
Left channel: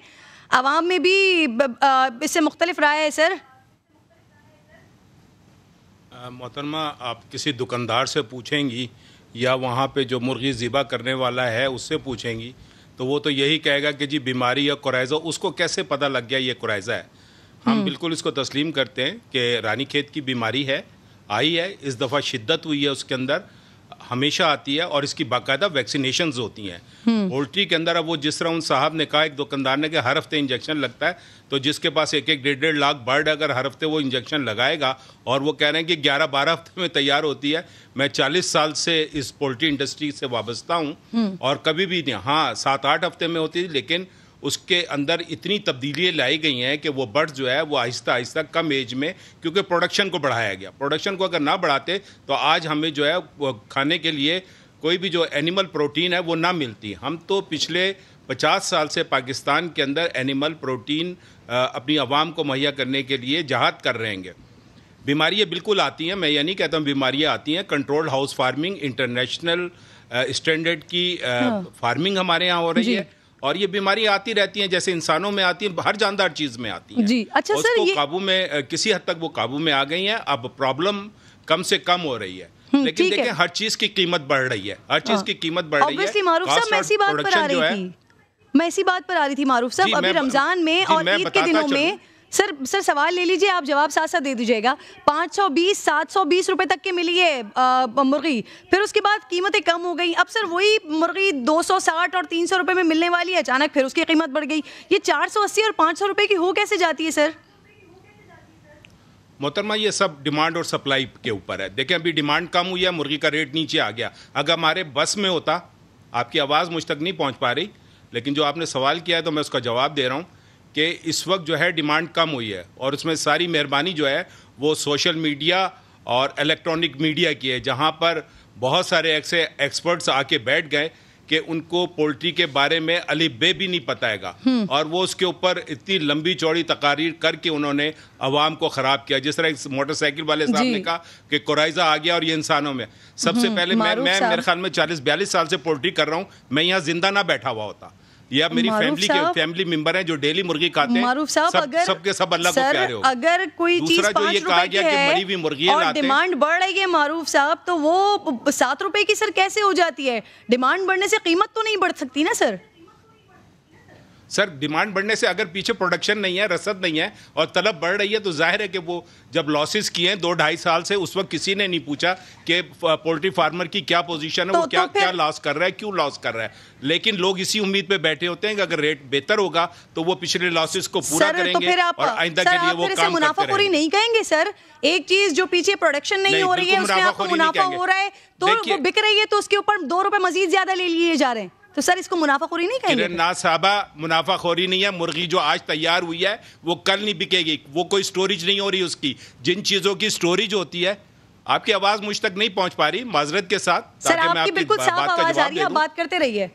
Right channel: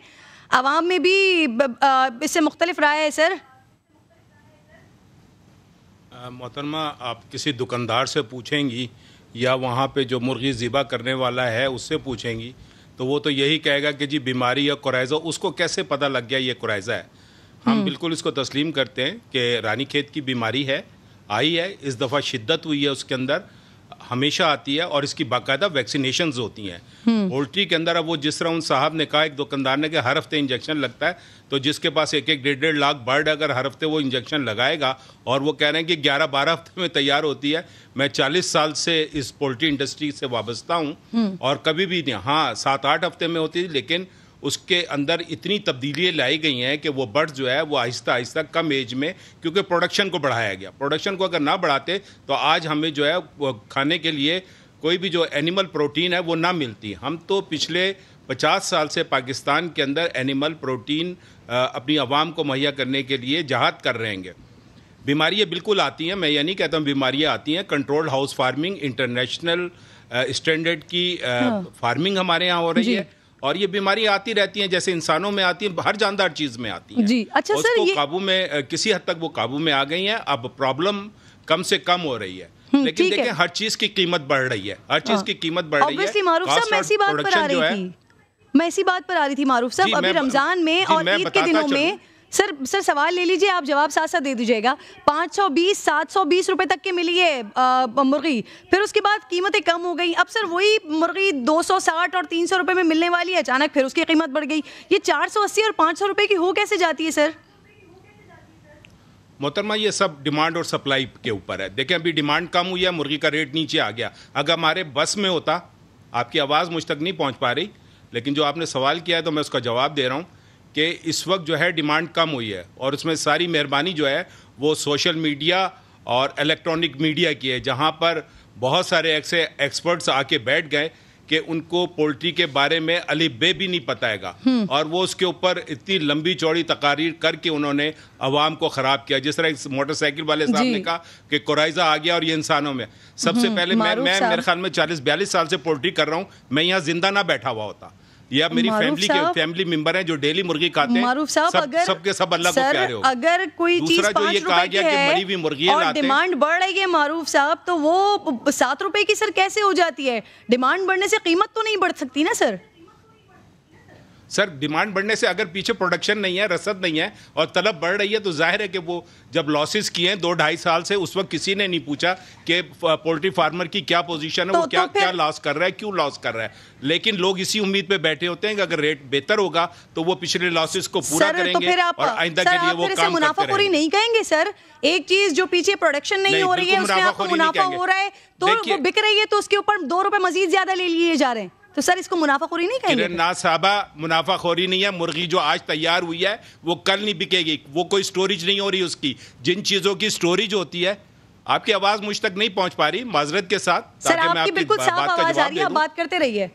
عوام میں بھی اس سے مختلف رائے ہے. سر محترمہ, آپ کسی دکاندار سے پوچھیں گی یا وہاں پہ جو مرغی ذبح کرنے والا ہے اس سے پوچھیں گی تو وہ تو یہی کہے گا کہ جی بیماری یا کوریزا. اس کو کیسے پتہ لگ گیا یہ کوریزا ہے؟ ہم بالکل اس کو تسلیم کرتے ہیں کہ رانی کھیت کی بیماری ہے, آئی ہے, اس دفعہ شدت ہوئی ہے, اس کے اندر ہمیشہ آتی ہے, اور اس کی باقاعدہ ویکسینیشنز ہوتی ہیں پولٹری کے اندر. اب وہ جس طرح ان صاحب نے کہا, ایک دکاندار نے, کہ ہر ہفتے انجیکشن لگتا ہے, تو جس کے پاس 1.5 لاکھ برڈ اگر ہر ہفتے وہ انجیکشن لگائے گا, اور وہ کہہ رہے ہیں کہ 11-12 ہفتے میں تیار ہوتی ہے. میں 40 سال سے اس پولٹری انڈسٹری سے وابستہ ہوں, اور کبھی بھی نہیں, ہاں 7-8 ہفتے میں ہوتی تھی, لیکن اس کے اندر اتنی تبدیلیاں لائی گئی ہیں کہ وہ برڈ جو ہے وہ آہستہ آہستہ کم ایج میں, کیونکہ پروڈکشن کو بڑھایا گیا. پروڈکشن کو اگر نہ بڑھاتے تو آج ہمیں جو ہے وہ کھانے کے لیے کوئی بھی جو اینیمل پروٹین ہے وہ نہ ملتی. ہم تو پچھلے 50 سال سے پاکستان کے اندر اینیمل پروٹین اپنی عوام کو مہیا کرنے کے لیے جہاد کر رہے ہیں. بیماریاں بالکل آتی ہیں, میں یہ نہیں کہتا ہوں بیماریاں آتی ہیں. Control house farming, international standard کی فارمنگ ہمارے یہاں ہو رہی ہے, اور یہ بیماری آتی رہتی ہیں, جیسے انسانوں میں آتی ہیں, ہر جاندار چیز میں آتی ہیں. جی اچھا سر, اس کو قابو میں کسی حد تک وہ قابو میں آ گئی ہیں. اب پرابلم کم سے کم ہو رہی ہے, لیکن دیکھیں ہر چیز کی قیمت بڑھ رہی ہے, ہر چیز کی قیمت بڑھ رہی ہے. معروف صاحب, میں اسی بات پر آ رہی تھی معروف صاحب, ابھی رمضان میں اور عید کے دنوں میں. سر سوال لے لیجئے, آپ جواب ساتھ ساتھ دے دیجئے گا. 520-720 روپے تک کی ملی ہے مرغی, پھر اس کے بعد قیمتیں کم ہو گئی. اب سر وہی مرغی 260 اور 300 روپے میں ملنے والی ہے, اچانک پھر اس کی قیمت بڑھ گئی. یہ 480 اور 500 روپے کی ہو کیسے جاتی ہے سر؟ محترمہ, یہ سب ڈیمانڈ اور سپلائی کے اوپر ہے. دیکھیں ابھی ڈیمانڈ کم ہوئی ہے, مرغی کا ریٹ نیچے آ گیا. اگر ہمارے بس میں ہوتا, آپ کی آواز مجھ تک نہیں پہنچ پا رہی, لیکن جو آپ نے سوال کیا ہے تو میں اس کا جواب دے رہا ہوں کہ اس وقت جو ہے ڈیمانڈ کم ہوئی ہے, اور اس میں ساری مہربانی جو ہے وہ سوشل میڈیا اور الیکٹرانک میڈیا کی ہے, جہاں پر بہت سارے ایسے ایکسپرٹس آ کے بیٹھ گئے کہ ان کو پولٹری کے بارے میں الف بے بھی نہیں پتہ ہے گا, اور وہ اس کے اوپر اتنی لمبی چوڑی تقاریر کر کے انہوں نے عوام کو خراب کیا. جس طرح موٹر سائیکل والے صاحب نے کہا کہ کوریزا آ گیا اور یہ انسانوں میں. سب سے پہلے میں میرے خیال میں 40-42 سال سے پولٹری کر رہا ہوں, میں یہاں زندہ نہ بیٹھا ہوا ہوتا. یا میری فیملی ممبر ہیں جو ڈیلی مرغی کھاتے ہیں, سب کے سب اللہ کو پیارے ہو. اگر کوئی چیز 5 روپے کی ہے اور ڈیمانڈ بڑھ رہی ہے معروف صاحب, تو وہ 7 روپے کی سر کیسے ہو جاتی ہے؟ ڈیمانڈ بڑھنے سے قیمت تو نہیں بڑھ سکتی نا سر. سر ڈیمانڈ بڑھنے سے اگر پیچھے پروڈکشن نہیں ہے, رسد نہیں ہے اور طلب بڑھ رہی ہے تو ظاہر ہے کہ وہ جب لاسز کیے ہیں 2-2.5 سال سے, اس وقت کسی نے نہیں پوچھا کہ پولٹری فارمر کی کیا پوزیشن ہے, وہ کیا لاس کر رہا ہے, کیوں لاس کر رہا ہے. لیکن لوگ اسی امید پہ بیٹھے ہوتے ہیں کہ اگر ریٹ بہتر ہوگا تو وہ پچھلے لاسز کو پورا کریں گے اور آئندہ کے لیے وہ کام منافع خوری نہیں کہیں گے سر. ایک چیز جو پیچھے پروڈکشن نہیں ہو رہی ہے اس میں آپ کو منافع ہو رہا ہے تو وہ بک رہی ہے تو اس کے اوپر 2 روپے مزید زیادہ لے لیے جا رہے ہیں, تو سر اس کو منافع خوری نہیں کہیں گے؟ نا صاحبہ, منافع خوری نہیں ہے. مرغی جو آج تیار ہوئی ہے وہ کل نہیں بکے گی, وہ کوئی سٹوریج نہیں ہو رہی اس کی. جن چیزوں کی سٹوریج ہوتی ہے, آپ کی آواز مجھ تک نہیں پہنچ پا رہی معذرت کے ساتھ. سر آپ کی بالکل صاف آواز آ رہی ہے, آپ بات کرتے رہیے.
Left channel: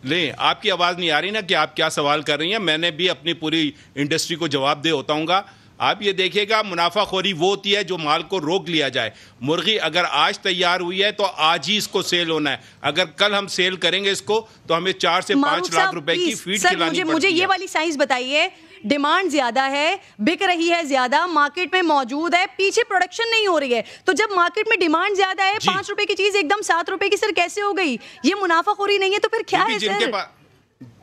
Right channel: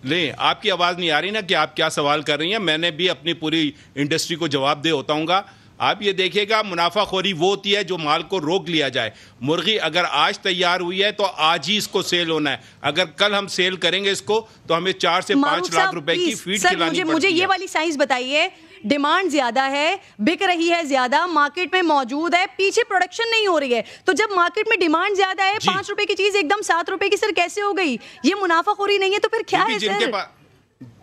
نہیں, آپ کی آواز نہیں آ رہی نا کہ آپ کیا سوال کر رہی ہیں. میں نے بھی اپنی پوری انڈسٹری کو جواب دے ہوتا ہوں گا. آپ یہ دیکھیے گا منافع خوری وہ ہوتی ہے جو مال کو روک لیا جائے. مرغی اگر آج تیار ہوئی ہے تو آج ہی اس کو سیل ہونا ہے. اگر کل ہم سیل کریں گے اس کو تو ہمیں 4 سے 5 لاکھ روپے کی فیڈ کھلانی پڑتی ہے. مجھے یہ والی سائنس بتائیے, ڈیمانڈ زیادہ ہے, بک رہی ہے زیادہ, مارکیٹ میں موجود ہے, پیچھے پروڈکشن نہیں ہو رہی ہے, تو جب مارکیٹ میں ڈیمانڈ زیادہ ہے 5 روپے کی چیز ایک دم 7 روپے کی سر کیسے ہو گئی؟ یہ منافع خوری نہیں ہے تو پھر کیا ہے سر؟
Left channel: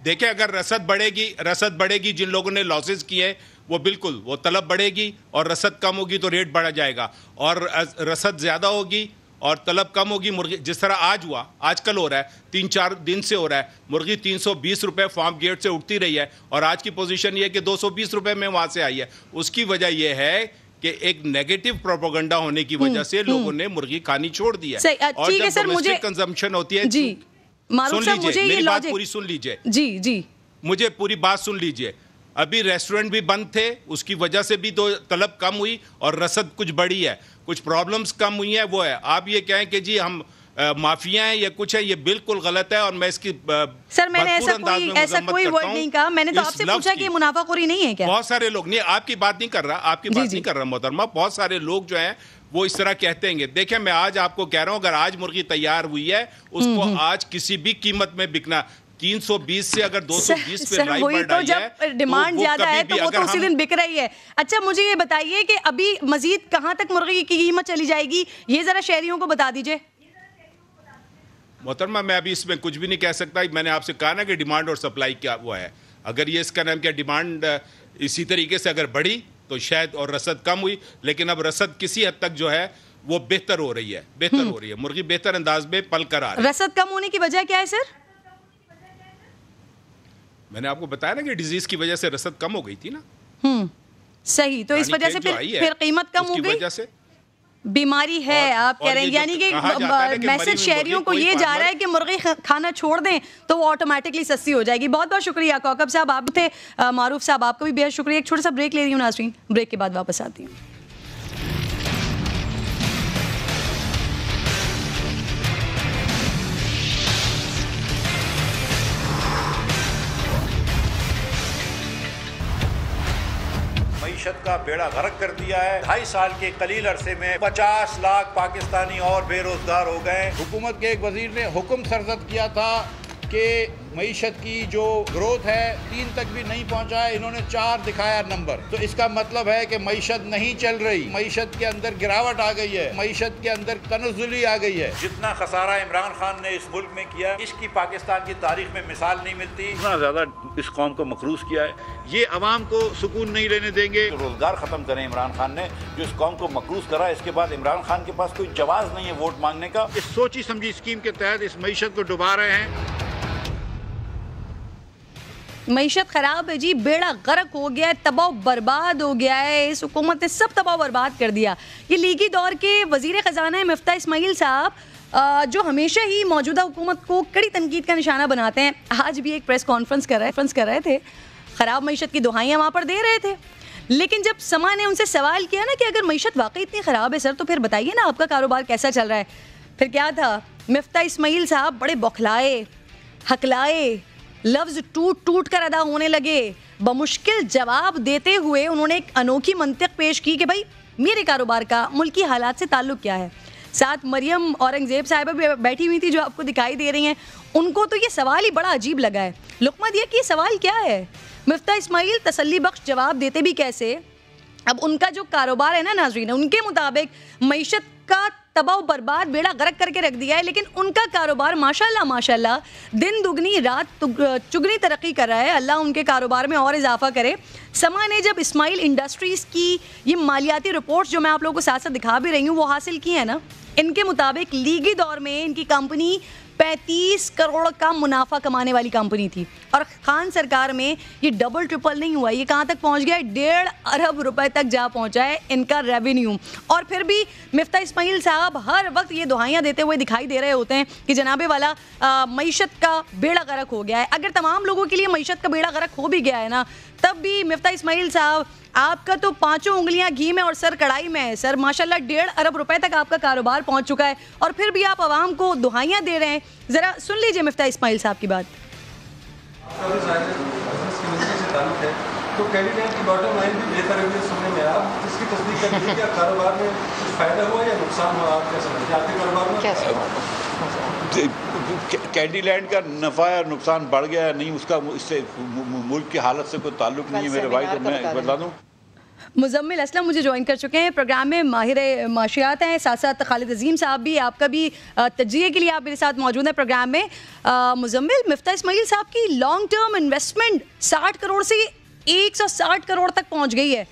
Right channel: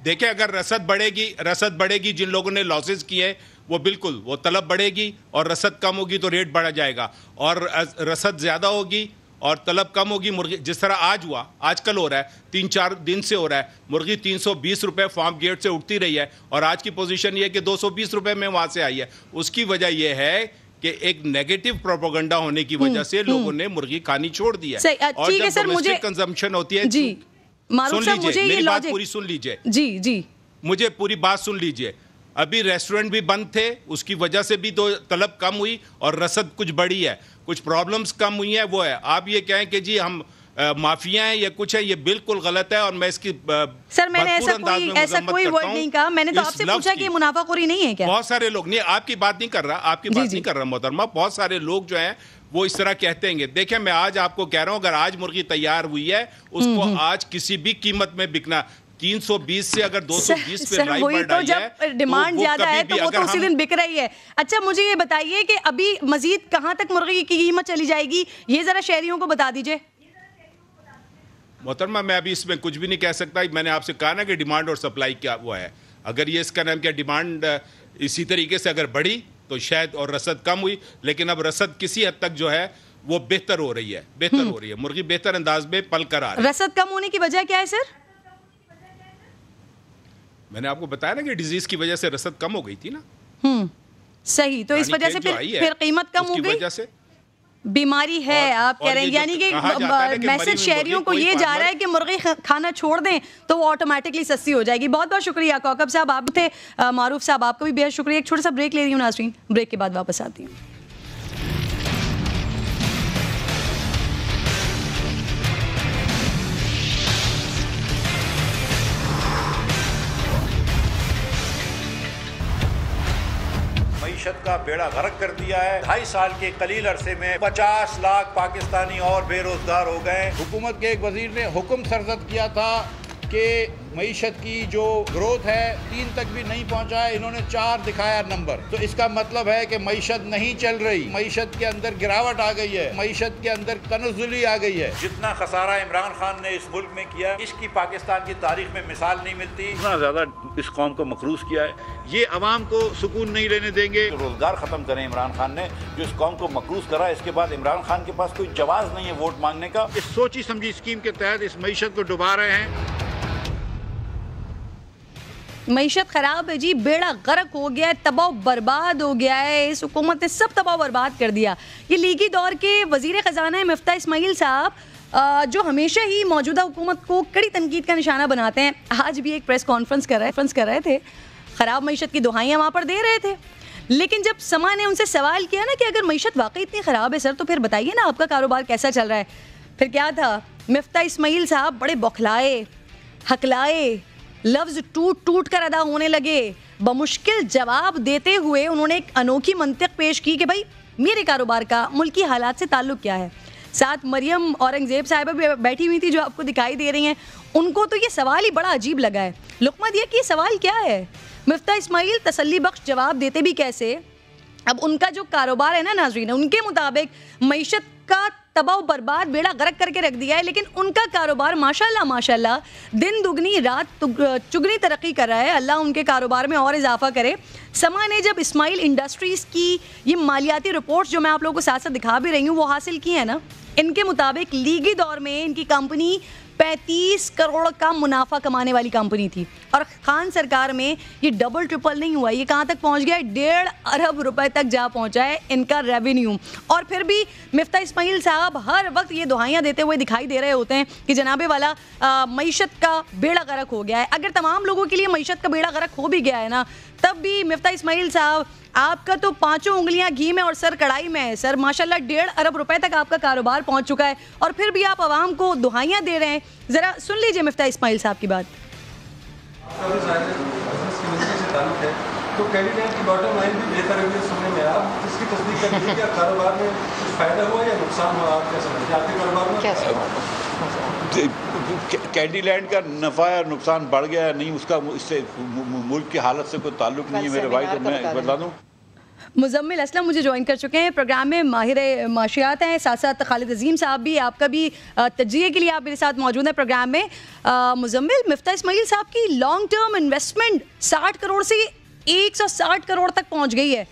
دیکھیں اگر رسد بڑھے گی, جن لوگوں نے لاسز کیے وہ بالکل وہ طلب بڑھے گی اور رسد کم ہوگی تو ریٹ بڑھا جائے گا, اور رسد زیادہ ہوگی اور طلب کم ہوگی. مرغی جس طرح آج کل ہو رہا ہے, 3-4 دن سے ہو رہا ہے, مرغی 320 روپے فارم گیٹ سے اٹھتی رہی ہے اور آج کی پوزیشن یہ ہے کہ 220 روپے میں وہاں سے آئی ہے. اس کی وجہ یہ ہے کہ ایک نیگیٹو پروپیگنڈا ہونے کی وجہ سے لوگوں نے مرغی کھانی چھوڑ دی ہے. اور جب ڈومیسٹک کنزمپشن ہوتی ہے, میری بات پوری سن لیجئے, جی مجھے پوری بات سن لیجئے. ابھی ریسٹورنٹ بھی بند تھے, اس کی وجہ سے بھی تو طلب کم ہوئی اور رسد کچھ بڑھی ہے, کچھ پرابلمز کم ہوئی ہیں. وہ ہے آپ یہ کہیں کہ جی ہم مافیا ہیں یا کچھ ہے, یہ بالکل غلط ہے. اور میں اس کی سر میں نے ایسا کوئی ورڈ نہیں کہا, میں نے تو آپ سے پوچھا کہ منافع خوری نہیں ہے کیا؟ بہت سارے لوگ نہیں, آپ کی بات نہیں کر رہا, محترمہ. بہت سارے لوگ جو ہیں وہ اس طرح کہتے ہیں. دیکھیں میں آج آپ کو کہہ رہا ہوں, اگر آج مرغی تیار ہوئی ہے اس کو آج کسی بھی قیمت میں بکنا 320 سے اگر 220 پہ رائی بڑھ رہی ہے, تو جب ڈیمانڈ زیادہ ہے تو وہ تو اسی دن بک رہی ہے. اچھا مجھے یہ بتائیے کہ ابھی مزید کہاں تک مرغی کی قیمت چلی جائے گی, یہ ذرا شہریوں کو بتا دیجئے. محترمہ میں ابھی اس میں کچھ بھی نہیں کہہ سکتا. میں نے آپ سے کہا نا کہ ڈیمانڈ اور سپلائی کیا ہوا ہے. اگر یہ اس کا نام کیا ڈیمانڈ اسی طریقے سے اگر بڑھی تو شاید اور رسد کم ہوئی, لیکن اب رسد کسی حد تک جو ہے وہ بہتر ہو رہی ہے. مرغی بہتر انداز میں پل کر آ رہی ہے. رسد کم ہونے کی وجہ کیا ہے سر؟ میں نے آپ کو بتایا نا کہ ڈیزیز کی وجہ سے رسد کم ہو گئی تھی نا. صحیح, تو اس وجہ سے پھر قیمت کم ہو گئی. بیماری ہے آپ کہہ رہے ہیں, یعنی کہ میسج شہریوں کو یہ جا رہا ہے کہ مرغی کھانا چھوڑ دیں تو وہ آٹومیٹکلی سستی ہو جائے گی. بہت بہت شکریہ کوکب صاحب, آپ تھے. معروف صاحب آپ کا بھی بہت شکریہ. ایک چھوٹا سا بریک لے رہی ہوں ناظرین, بریک کے بعد واپس آتی ہوں. معیشت کا بیڑا غرق کر دیا ہے. 2.5 سال کے قلیل عرصے میں 50 لاکھ پاکستانی اور بے روزگار ہو گئے. حکومت کے ایک وزیر نے حکم سرزد کیا تھا کہ معیشت کی جو گروتھ ہے 3 تک بھی نہیں پہنچا ہے, انہوں نے 4 دکھایا نمبر. تو اس کا مطلب ہے کہ معیشت نہیں چل رہی, معیشت کے اندر گراوٹ آ گئی ہے, معیشت کے اندر تنزلی آ گئی ہے. جتنا خسارہ عمران خان نے اس ملک میں کیا, اس کی پاکستان کی تاریخ میں مثال نہیں ملتی. اتنا زیادہ اس قوم کو مقروض کیا ہے, یہ عوام کو سکون نہیں لینے دیں گے. روزگار ختم کریں عمران خان نے جو اس قوم کو مقروض کرا, اس کے بعد عمران خان کے پاس کوئی جواز نہیں ہے ووٹ مانگنے کا. اس سوچی سمجھی اسکیم کے تحت اس معیشت کو ڈبا رہے ہیں. معیشت خراب ہے جی, بیڑا غرق ہو گیا ہے, تباہ برباد ہو گیا ہے. اس حکومت نے سب تباہ برباد کر دیا. یہ لیگی دور کے وزیر خزانہ مفتاح اسماعیل صاحب جو ہمیشہ ہی موجودہ حکومت کو کڑی تنقید کا نشانہ بناتے ہیں, آج بھی ایک پریس کانفرنس کر رہے تھے, خراب معیشت کی دہائیاں وہاں پر دے رہے تھے. لیکن جب سما نے ان سے سوال کیا نا کہ اگر معیشت واقعی اتنی خراب ہے سر تو پھر بتائیے نا آپ کا کاروبار کیسا چل رہا ہے, پھر کیا تھا, مفتاح اسماعیل صاحب بڑے بوکھلائے, ہکلائے, لفظ ٹوٹ کر ادا ہونے لگے. بمشکل جواب دیتے ہوئے انہوں نے ایک انوکھی منطق پیش کی کہ بھائی میرے کاروبار کا ملکی حالات سے تعلق کیا ہے. ساتھ مریم اورنگزیب صاحبہ بھی بیٹھی ہوئی تھی جو آپ کو دکھائی دے رہی ہیں, ان کو تو یہ سوال ہی بڑا عجیب لگا ہے. لقمہ دیا کہ یہ سوال کیا ہے. مفتاح اسماعیل تسلی بخش جواب دیتے بھی کیسے. اب ان کا جو کاروبار ہے نا ناظرین, ان کے مطابق معیشت کا تباہ و برباد بیڑا غرق کر کے رکھ دیا ہے، لیکن ان کا کاروبار ماشاءاللہ دن دگنی رات چگنی ترقی کر رہا ہے. اللہ ان کے کاروبار میں اور اضافہ کرے. سما نے جب اسماعیل انڈسٹریز کی یہ مالیاتی رپورٹس جو میں آپ لوگوں کو ساتھ ساتھ دکھا بھی رہی ہوں وہ حاصل کی ہیں نا، ان کے مطابق لیگی دور میں ان کی کمپنی 35 کروڑ کا منافع کمانے والی کمپنی تھی، اور خان سرکار میں یہ ڈبل ٹرپل نہیں ہوا، یہ کہاں تک پہنچ گیا ہے؟ 1.5 ارب روپے تک جا پہنچا ہے ان کا ریونیو. اور پھر بھی مفتاح اسماعیل صاحب ہر وقت یہ دعائیاں دیتے ہوئے دکھائی دے رہے ہوتے ہیں کہ جناب والا معیشت کا بیڑا غرق ہو گیا ہے. اگر تمام لوگوں کے لیے معیشت کا بیڑا غرق ہو بھی گیا ہے نا، تب بھی مفتاح اسماعیل صاحب آپ کا تو 5 انگلیاں گھی میں اور سر کڑائی میں ہے سر. ماشاءاللہ 1.5 ارب روپے تک آپ کا کاروبار پہنچ چکا ہے، اور پھر بھی آپ عوام کو دعائیاں دے رہے ہیں. ذرا سن لیجئے مفتاح اسماعیل صاحب کی بات. تو کینڈیڈیٹ کی باٹم لائن بھی بہتر ہے سننے میں، آپ اس کی تصدیق کر دیجیے کیا کاروبار میں فائدہ ہوا یا نقصان ہوا؟ آپ کیا سمجھتے ہیں آپ کے کاروبار میں؟ کینڈی لینڈ کا نفع یا نقصان بڑھ گیا ہے نہیں، اس کا اس سے ملک کی حالت سے کوئی تعلق نہیں ہے میرے بھائی. تو میں بتا دوں مزمل اسلم مجھے جوائن کر چکے ہیں پروگرام میں، ماہر معاشیات ہیں، ساتھ ساتھ خالد عظیم صاحب بھی، آپ کا بھی تجزیے کے لیے آپ میرے ساتھ موجود ہیں پروگرام میں. مزمل، مفتاح اسماعیل صاحب کی لانگ ٹرم انویسٹمنٹ 60 کروڑ سے 160 کروڑ تک پہنچ گئی ہے،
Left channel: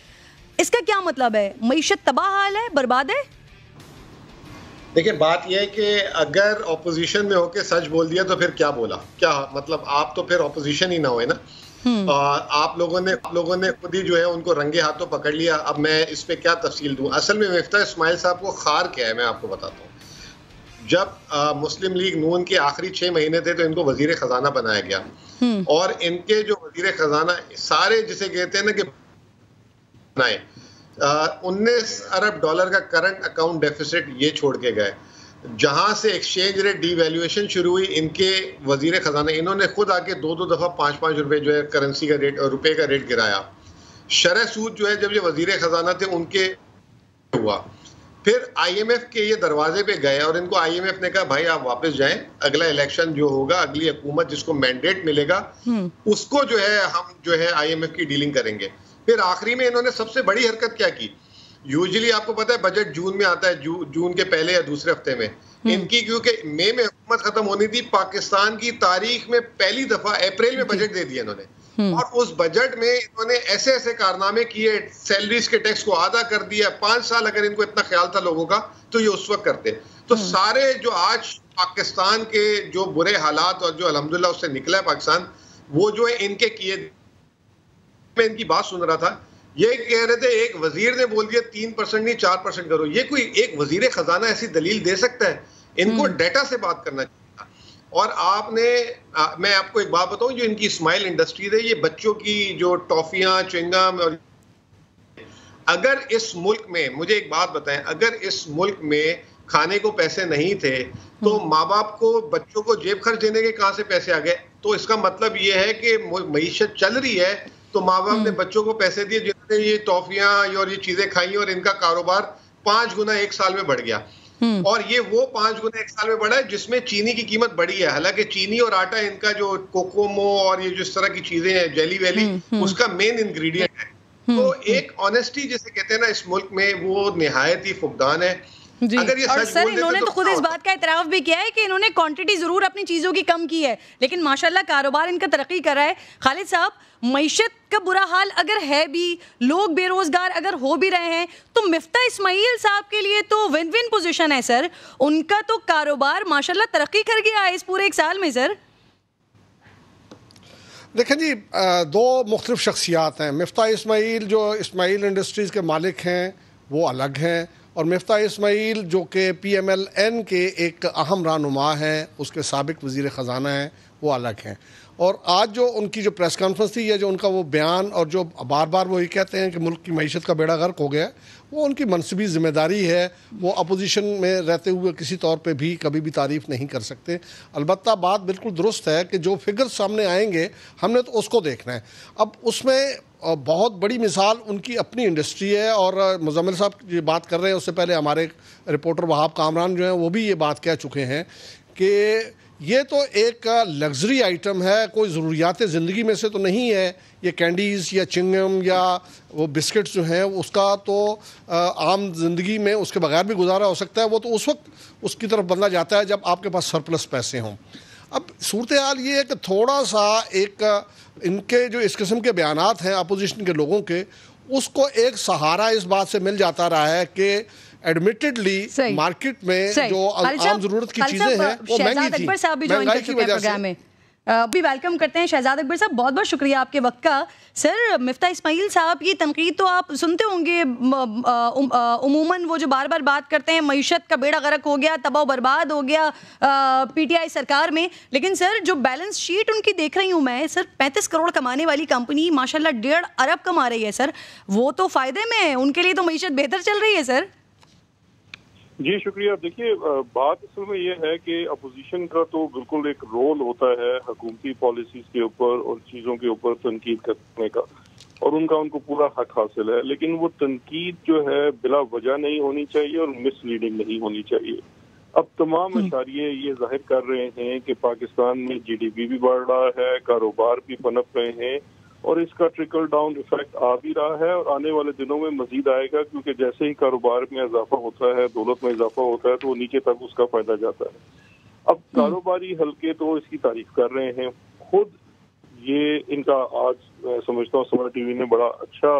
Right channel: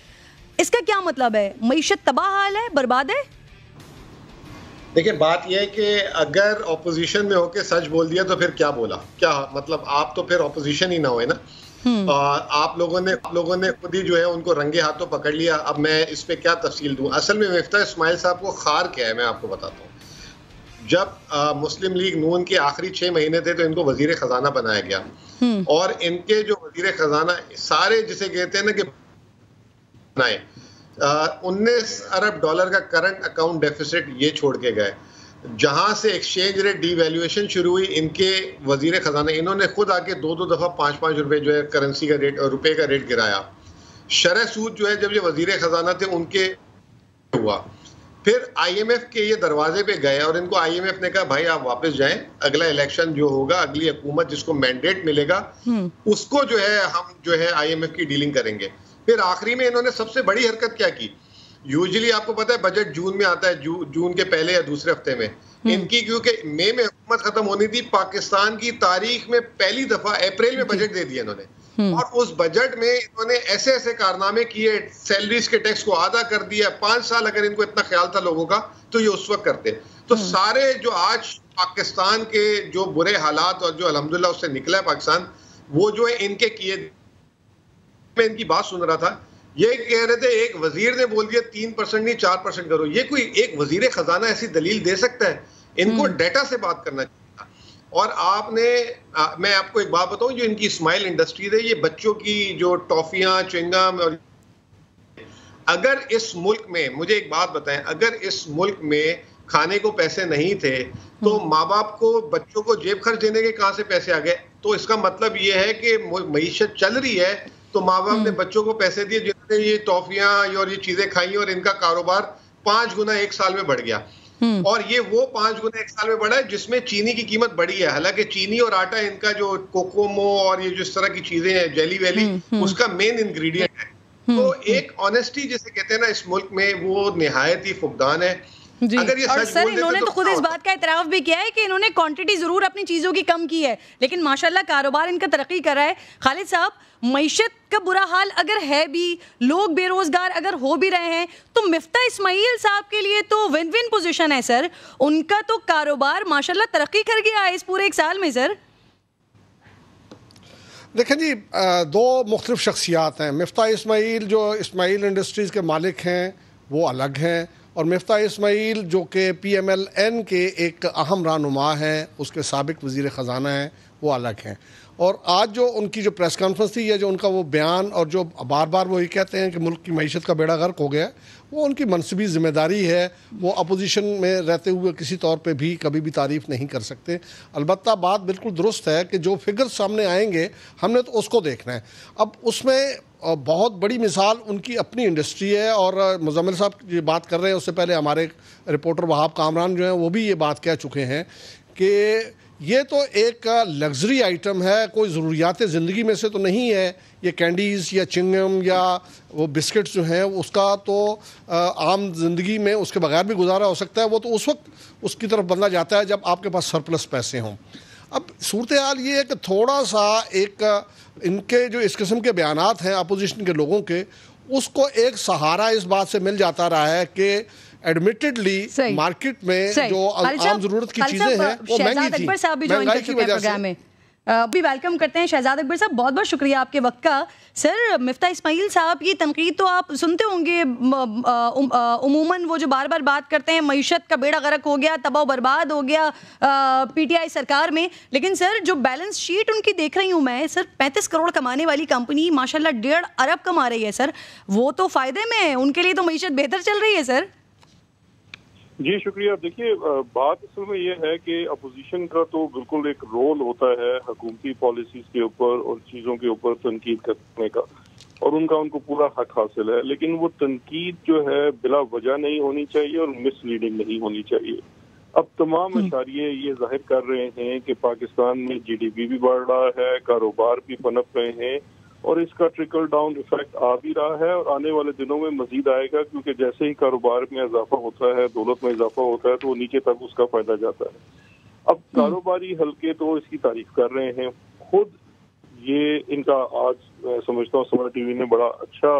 اس کا کیا مطلب ہے؟ معیشت تباہ حال ہے، برباد ہے؟ دیکھیں بات یہ ہے کہ اگر اپوزیشن میں ہو کے سچ بول دیا تو پھر کیا بولا، کیا مطلب آپ تو پھر اپوزیشن ہی نہ ہوئے نا. آپ لوگوں نے خود ہی جو ہے ان کو رنگے ہاتھوں پکڑ لیا. اب میں اس پہ کیا تفصیل دوں؟ اصل میں مفتاح اسماعیل صاحب کو خار کیا ہے میں آپ کو بتاتا ہوں. جب مسلم لیگ نون کے آخری 6 مہینے تھے تو ان کو وزیر خزانہ بنایا گیا، اور ان کے جو وزیر خزانہ سارے جسے کہتے ہیں نا کہ بنائے 19 ارب ڈالر کا کرنٹ اکاؤنٹ ڈیفیسٹ یہ چھوڑ کے گئے. جہاں سے ایکسچینج ریٹ ڈی ویلیویشن شروع ہوئی، ان کے وزیر خزانہ انہوں نے خود آ کے 2 دفعہ 5 روپے جو ہے کرنسی کا ریٹ اور روپے کا ریٹ گرایا. شرح سود جو ہے جب یہ وزیر خزانہ تھے ان کے ہوا، پھر آئی ایم ایف کے یہ دروازے پہ گئے اور ان کو آئی ایم ایف نے کہا بھائی آپ واپس جائیں، اگلا الیکشن جو ہوگا، اگلی حکومت جس کو مینڈیٹ ملے گا اس کو جو ہے ہم جو ہے آئی ایم ایف کی ڈیلنگ کریں گے. پھر آخری میں انہوں نے سب سے بڑی حرکت کیا کی؟ یوزلی آپ کو پتا ہے بجٹ جون میں آتا ہے، جون کے پہلے یا دوسرے ہفتے میں. ان کی کیونکہ مئی میں حکومت ختم ہونی تھی، پاکستان کی تاریخ میں پہلی دفعہ اپریل میں بجٹ دے دیا انہوں نے، اور اس بجٹ میں انہوں نے ایسے ایسے کارنامے کیے، سیلریز کے ٹیکس کو آدھا کر دیا. 5 سال اگر ان کو اتنا خیال تھا لوگوں کا تو یہ اس وقت کرتے. تو سارے جو آج پاکستان کے جو برے حالات اور جو الحمدللہ اس سے نکلا ہے پاکستان، وہ جو ہے ان کے کیے. میں ان کی بات سن رہا تھا، یہ کہہ رہے تھے ایک وزیر نے بول دیا 3% نہیں 4% کرو. یہ کوئی ایک وزیر خزانہ ایسی دلیل دے سکتا ہے؟ ان کو ڈیٹا سے بات کرنا چاہیے. اور آپ نے، میں آپ کو ایک بات بتاؤں، جو ان کی اسماعیل انڈسٹریز ہے یہ بچوں کی جو ٹافیاں چوئنگم، اور اگر اس ملک میں، مجھے ایک بات بتائیں، اگر اس ملک میں کھانے کو پیسے نہیں تھے تو ماں باپ کو بچوں کو جیب خرچ دینے کے کہاں سے پیسے آ گئے؟ تو اس کا مطلب یہ ہے کہ معیشت چل رہی ہے تو ماں باپ نے بچوں کو پیسے دیے جنہوں نے یہ ٹافیاں اور یہ چیزیں کھائی، اور ان کا کاروبار 5 گنا 1 سال میں بڑھ گیا. اور یہ وہ 5 گنا 1 سال میں بڑھا ہے جس میں چینی کی قیمت بڑھی ہے. حالانکہ چینی اور آٹا ان کا جو کوکومو اور یہ جس طرح کی چیزیں ہیں، جیلی ویلی، اس کا مین انگریڈینٹ ہے. تو ایک آنیسٹی جسے کہتے ہیں نا اس ملک میں، وہ نہایت ہی فقدان ہے. جی، اور سر انہوں نے تو خود اس بات کا اعتراف بھی کیا ہے کہ انہوں نے کوانٹٹی ضرور اپنی چیزوں کی کم کی ہے، لیکن ماشاءاللہ کاروبار ان کا ترقی کر رہا ہے. خالد صاحب، معیشت کا برا حال اگر ہے بھی، لوگ بے روزگار اگر ہو بھی رہے ہیں، تو مفتاح اسماعیل صاحب کے لیے تو ون ون پوزیشن ہے سر. ان کا تو کاروبار ماشاءاللہ ترقی کر گیا ہے اس پورے 1 سال میں. سر دیکھیں جی، 2 مختلف شخصیات ہیں. مفتاح اسماعیل جو اسماعیل انڈسٹریز کے مالک ہیں وہ الگ ہیں، اور مفتاح اسماعیل جو کہ پی ایم ایل این کے ایک اہم رہنما ہیں، اس کے سابق وزیر خزانہ ہیں، وہ الگ ہیں. اور آج جو ان کی جو پریس کانفرنس تھی، یا جو ان کا وہ بیان، اور جو بار بار وہ یہ کہتے ہیں کہ ملک کی معیشت کا بیڑا غرق ہو گیا، وہ ان کی منصبی ذمہ داری ہے. وہ اپوزیشن میں رہتے ہوئے کسی طور پہ بھی کبھی بھی تعریف نہیں کر سکتے. البتہ بات بالکل درست ہے کہ جو فگر سامنے آئیں گے ہم نے تو اس کو دیکھنا ہے. اب اس میں بہت بڑی مثال ان کی اپنی انڈسٹری ہے، اور مزمل صاحب یہ بات کر رہے ہیں، اس سے پہلے ہمارے رپورٹر وہاب کامران جو ہیں وہ بھی یہ بات کہہ چکے ہیں کہ یہ تو ایک لگژری آئٹم ہے، کوئی ضروریات زندگی میں سے تو نہیں ہے یہ کینڈیز یا چنگم یا وہ بسکٹس جو ہیں اس کا تو عام زندگی میں اس کے بغیر بھی گزارا ہو سکتا ہے، وہ تو اس وقت اس کی طرف بندہ جاتا ہے جب آپ کے پاس سرپلس پیسے ہوں۔ اب صورتحال یہ ہے کہ تھوڑا سا ایک ان کے جو اس قسم کے بیانات ہیں اپوزیشن کے لوگوں کے، اس کو ایک سہارا اس بات سے مل جاتا رہا ہے کہ ایڈمیٹڈلی مارکیٹ میں جو عام ضرورت کی چیزیں ہیں وہ مہنگی تھی، مہنگائی کی وجہ سے۔ بھی ویلکم کرتے ہیں شہزاد اکبر صاحب، بہت بہت شکریہ آپ کے وقت کا۔ سر مفتاح اسماعیل صاحب یہ تنقید تو آپ سنتے ہوں گے عموماً، وہ جو بار بار بات کرتے ہیں معیشت کا بیڑا غرق ہو گیا، تباہ و برباد ہو گیا پی ٹی آئی سرکار میں، لیکن سر جو بیلنس شیٹ ان کی دیکھ رہی ہوں میں، سر 35 کروڑ کمانے والی کمپنی ماشاءاللہ 1.5 ارب کما رہی ہے سر، وہ تو فائدے میں ہے، ان کے لیے تو معیشت بہتر چل رہی ہے سر۔ جی شکریہ۔ دیکھیے بات اصل میں یہ ہے کہ اپوزیشن کا تو بالکل ایک رول ہوتا ہے حکومتی پالیسیز کے اوپر اور چیزوں کے اوپر تنقید کرنے کا، اور ان کو پورا حق حاصل ہے، لیکن وہ تنقید جو ہے بلا وجہ نہیں ہونی چاہیے اور مس لیڈنگ نہیں ہونی چاہیے۔ اب تمام اشاریے یہ ظاہر کر رہے ہیں کہ پاکستان میں جی ڈی پی بھی بڑھ رہا ہے، کاروبار بھی پنپ رہے ہیں، اور اس کا ٹرکل ڈاؤن ایفیکٹ آ بھی رہا ہے اور آنے والے دنوں میں مزید آئے گا، کیونکہ جیسے ہی کاروبار میں اضافہ ہوتا ہے، دولت میں اضافہ ہوتا ہے، تو وہ نیچے تک اس کا فائدہ جاتا ہے۔ اب کاروباری حلقے تو اس کی تعریف کر رہے ہیں، خود یہ ان کا آج میں سمجھتا ہوں سمر ٹی وی نے بڑا اچھا